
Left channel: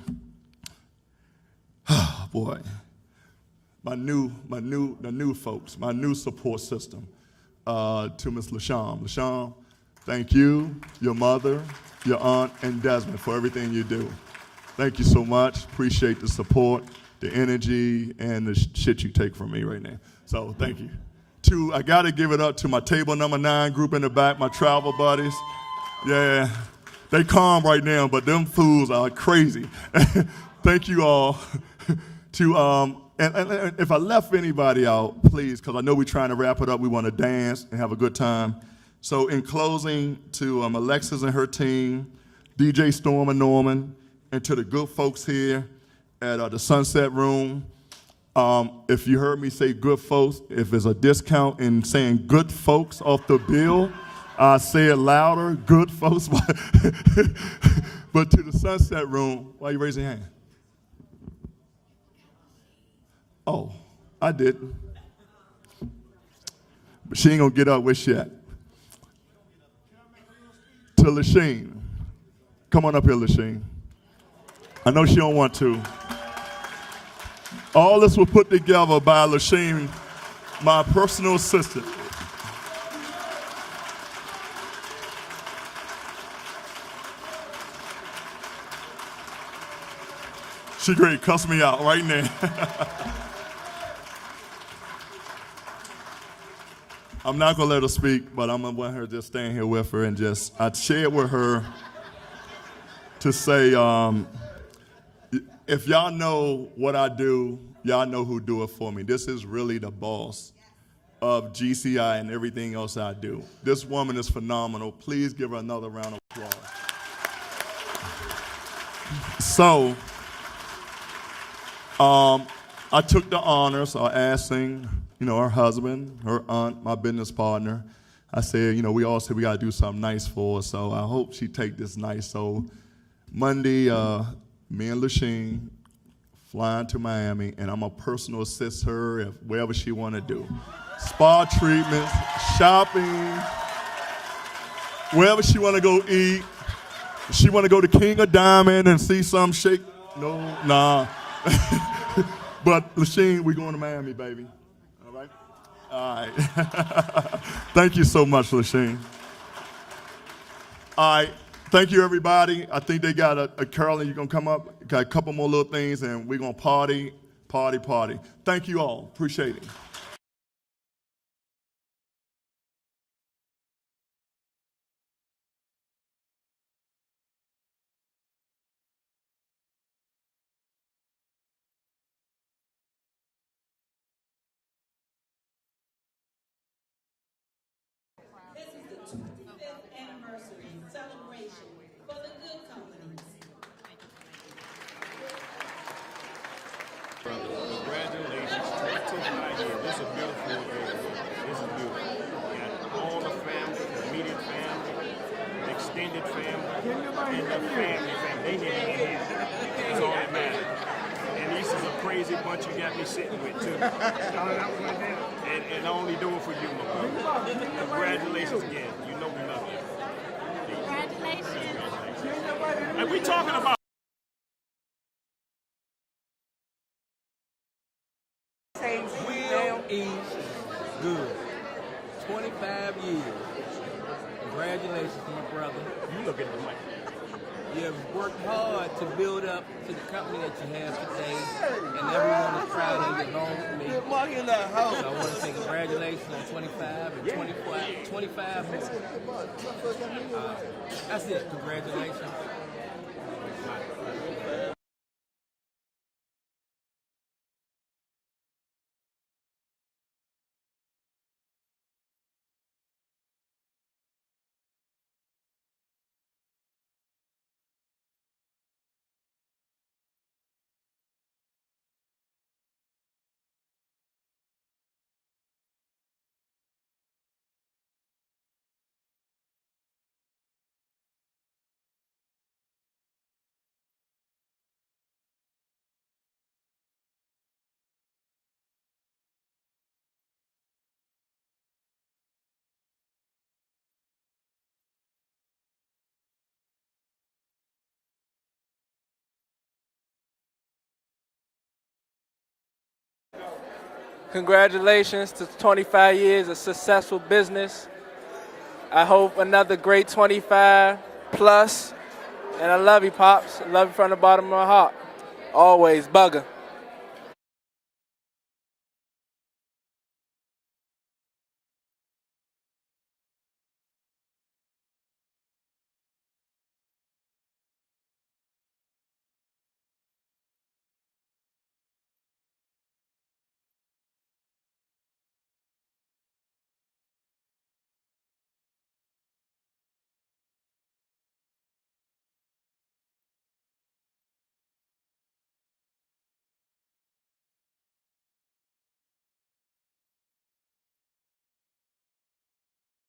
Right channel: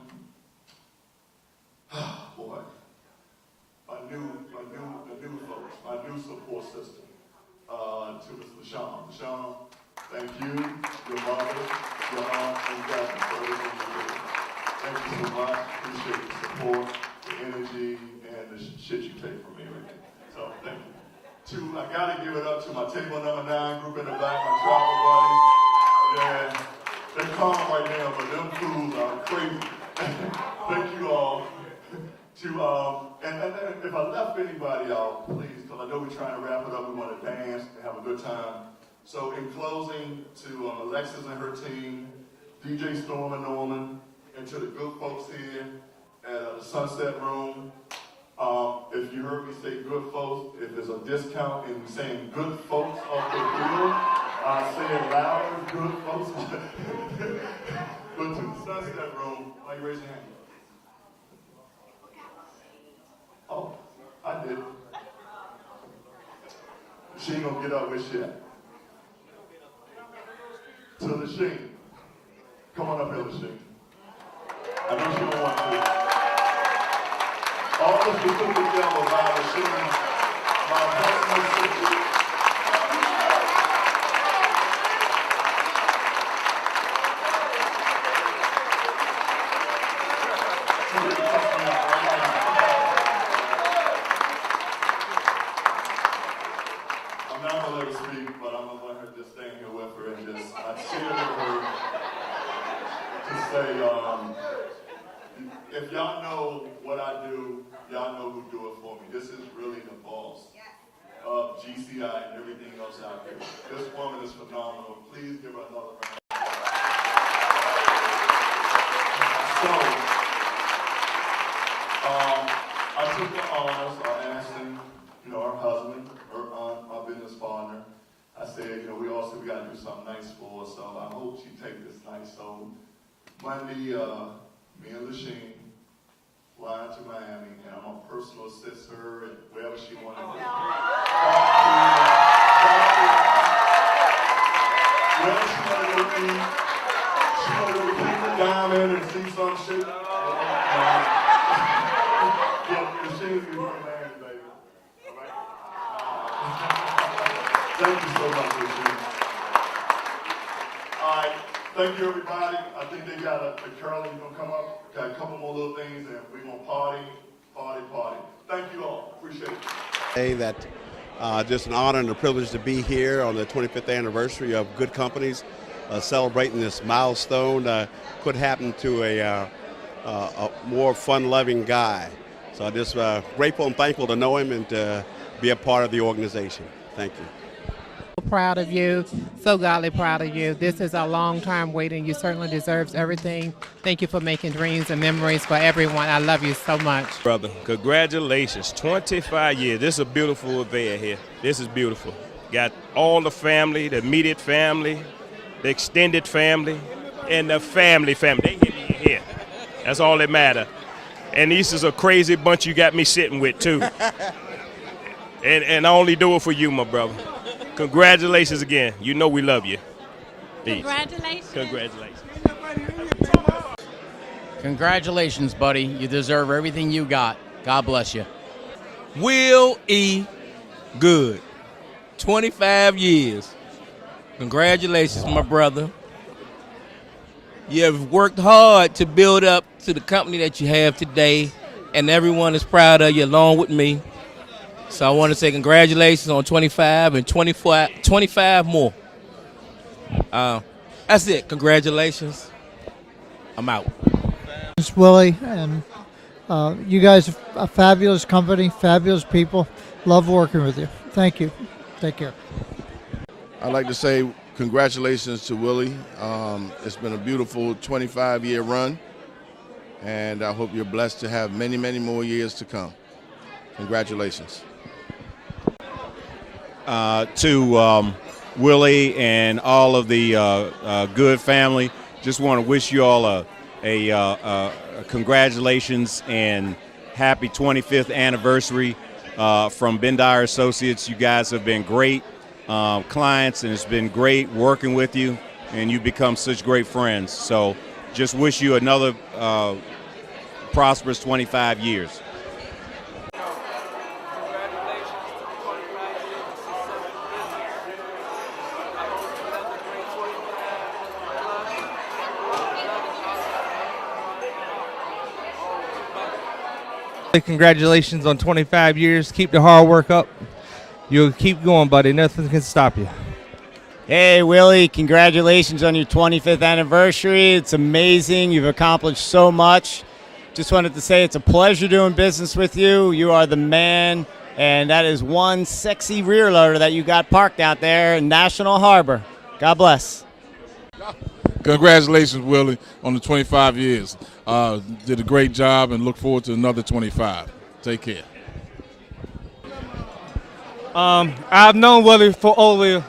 boy, the new folks, my new support system, to Miss LaShawn. LaShawn, thank you, your mother, your aunt, and Desmond for everything you do. Thank you so much. Appreciate the support, the energy, and the shit you take from me right now. So thank you. I gotta give it up to my table number 9 group in the back, my travel buddies. Yeah, they calm right now, but them fools are crazy. Thank you all. And if I left anybody out, please, because I know we're trying to wrap it up. We want to dance and have a good time. So in closing, to Alexis and her team, DJ Storm and Norman, and to the good folks here at the Sunset Room. If you heard me say good folks, if there's a discount in saying good folks off the bill, I say it louder, good folks. But to the Sunset Room, why you raising your hand? Oh, I did. But she ain't gonna get up with shit. To Lasheen. Come on up here, Lasheen. I know she don't want to. All this was put together by Lasheen, my personal assistant. She ready to cuss me out right now. I'm not gonna let her speak, but I'm gonna let her just stand here with her and I shared with her to say, if y'all know what I do, y'all know who do it for me. This is really the boss of GCI and everything else I do. This woman is phenomenal. Please give her another round of applause. So, I took the honors, asking, her husband, her aunt, my business partner. I said, we all said we gotta do something nice for her, so I hope she take this nice. So Monday, me and Lasheen flying to Miami, and I'm gonna personal assist her wherever she wanna do. Spa treatment, shopping, wherever she wanna go eat. She wanna go to King of Diamond and see some shake. No, nah. But Lasheen, we going to Miami, baby. All right? All right. Thank you so much, Lasheen. All right. Thank you, everybody. I think they got Carolyn, you gonna come up? Got a couple more little things, and we're gonna party. Thank you all. Appreciate it. Hey, that just an honor and a privilege to be here on the 25th anniversary of Goode Companies, celebrating this milestone. Could happen to a more fun-loving guy. So I'm just grateful and thankful to know him and to be a part of the organization. Thank you. Proud of you, so godly proud of you. This is a long time waiting. You certainly deserve everything. Thank you for making dreams and memories for everyone. I love you so much. Brother, congratulations, 25 years. This is a beautiful affair here. This is beautiful. Got all the family, the immediate family, the extended family, and the family. They get in here. That's all that matters. And this is a crazy bunch you got me sitting with, too. And I only do it for you, my brother. Congratulations again. You know we love you. Peace. Congratulations. Congratulations. Congratulations, buddy. You deserve everything you got. God bless you. Will E. Goode, 25 years. Congratulations, my brother. You have worked hard to build up to the company that you have today, and everyone is proud of you along with me. So I want to say congratulations on 25 and 25 more. That's it. Congratulations. I'm out. It's Willie, and you guys are a fabulous company, fabulous people. Love working with you. Thank you. Take care. I'd like to say congratulations to Willie. It's been a beautiful 25-year run, and I hope you're blessed to have many, many more years to come. Congratulations. To Willie and all of the Goode family, just want to wish you all a congratulations and happy 25th anniversary from Bendire Associates. You guys have been great clients, and it's been great working with you, and you've become such great friends. So just wish you another prosperous 25 years. Congratulations to 25 years of successful business. I hope another great 25 plus. And I love you, Pops. I love you from the bottom of my heart. Always, bugger. Congratulations on 25 years. Keep the hard work up. You'll keep going, buddy. Nothing can stop you. Hey, Willie, congratulations on your 25th anniversary. It's amazing. You've accomplished so much. Just wanted to say it's a pleasure doing business with you. You are the man, and that is one sexy rear loader that you got parked out there in National Harbor. God bless. Congratulations, Willie, on the 25 years. Did a great job and look forward to another 25. Take care. I've known Willie for over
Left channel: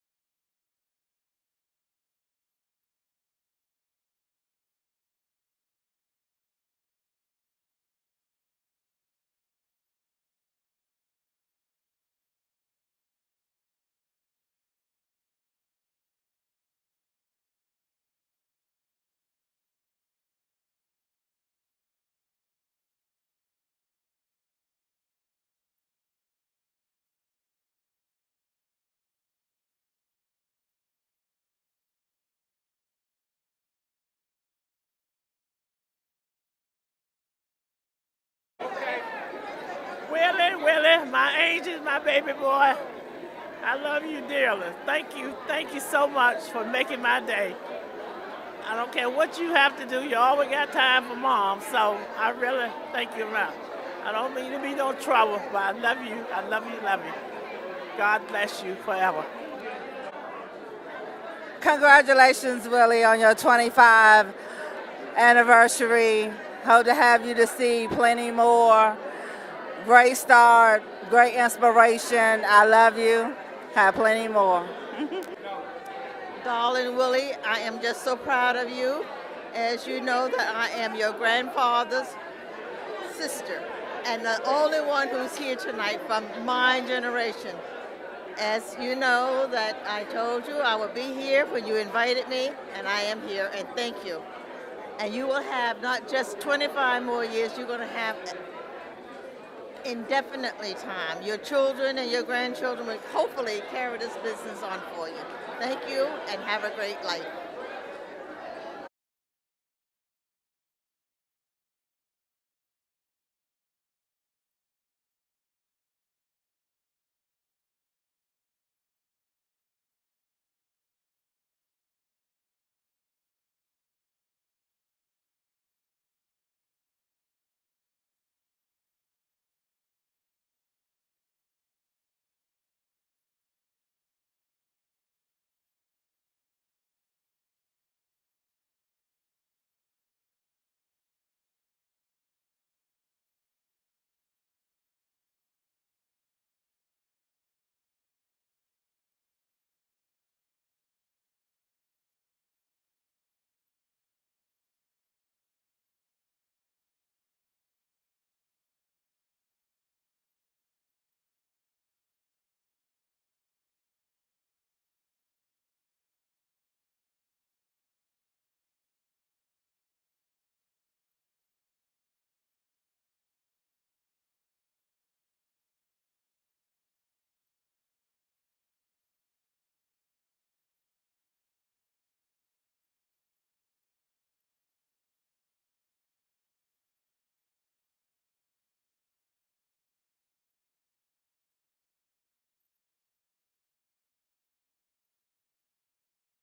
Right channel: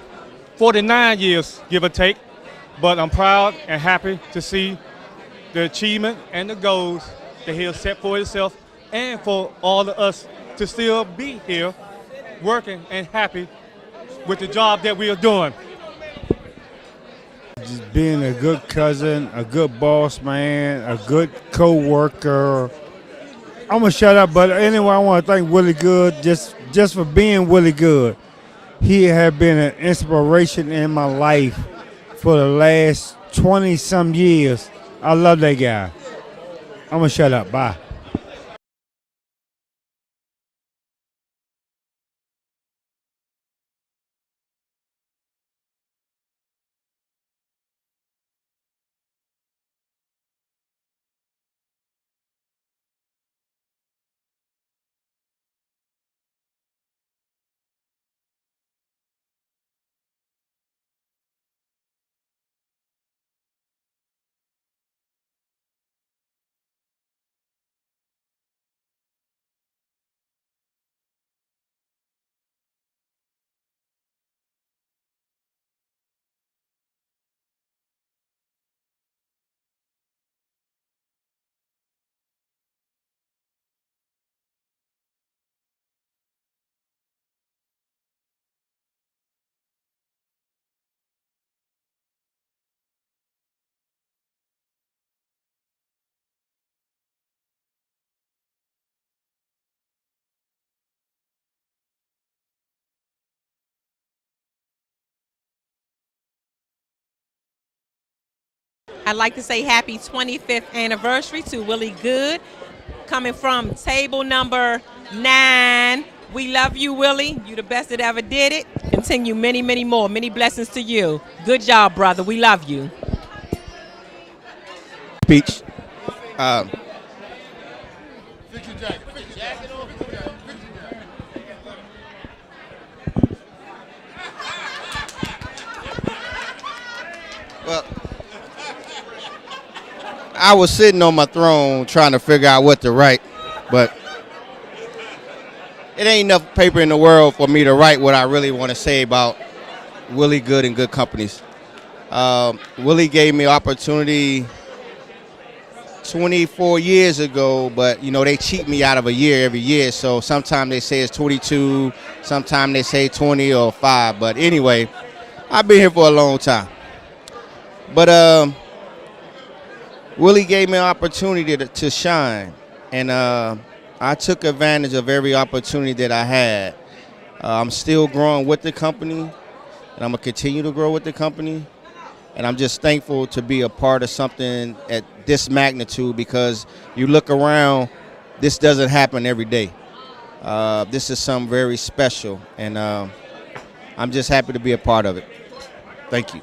49 years, give or take, but I'm proud and happy to see the achievement and the goals that he has set for himself and for all of us to still be here working and happy with the job that we are doing. Just being a good cousin, a good boss man, a good co-worker. I'm going to shut up, but anyway, I want to thank Willie Goode just for being Willie Goode. He has been an inspiration in my life for the last 20-some years. I love that guy. I'm going to shut up. Bye. Willie, my angel, my baby boy. I love you dearly. Thank you so much for making my day. I don't care what you have to do, you always got time for Mom, so I really thank you around. I don't mean to be no trouble, but I love you, love you. God bless you forever. Congratulations, Willie, on your 25th anniversary. Hope to have you to see plenty more. Great start, great inspiration. I love you. Have plenty more. Darling Willie, I am just so proud of you. As you know that I am your grandfather's sister and the only one who's here tonight from my generation. As you know that I told you I would be here when you invited me, and I am here, and thank you. And you will have not just 25 more years, you're going to have indefinitely time. Your children and your grandchildren will hopefully carry this business on for you. Thank you, and have a great life. I'd like to say happy 25th anniversary to Willie Goode, coming from table number 9. We love you, Willie. You the best that ever did it. Continue many, many more. Many blessings to you. Good job, brother. We love you. Speech. Well, I was sitting on my throne trying to figure out what to write, but it ain't enough paper in the world for me to write what I really want to say about Willie Goode and Goode Companies. Willie gave me opportunity 24 years ago, but you know they cheat me out of a year every year. So sometimes they say it's 22, sometimes they say 20 or 5. But anyway, I've been here for a long time. But Willie gave me an opportunity to shine, and I took advantage of every opportunity that I had. I'm still growing with the company, and I'm gonna continue to grow with the company. And I'm just thankful to be a part of something at this magnitude, because you look around this doesn't happen every day. This is something very special, and I'm just happy to be a part of it. Thank you.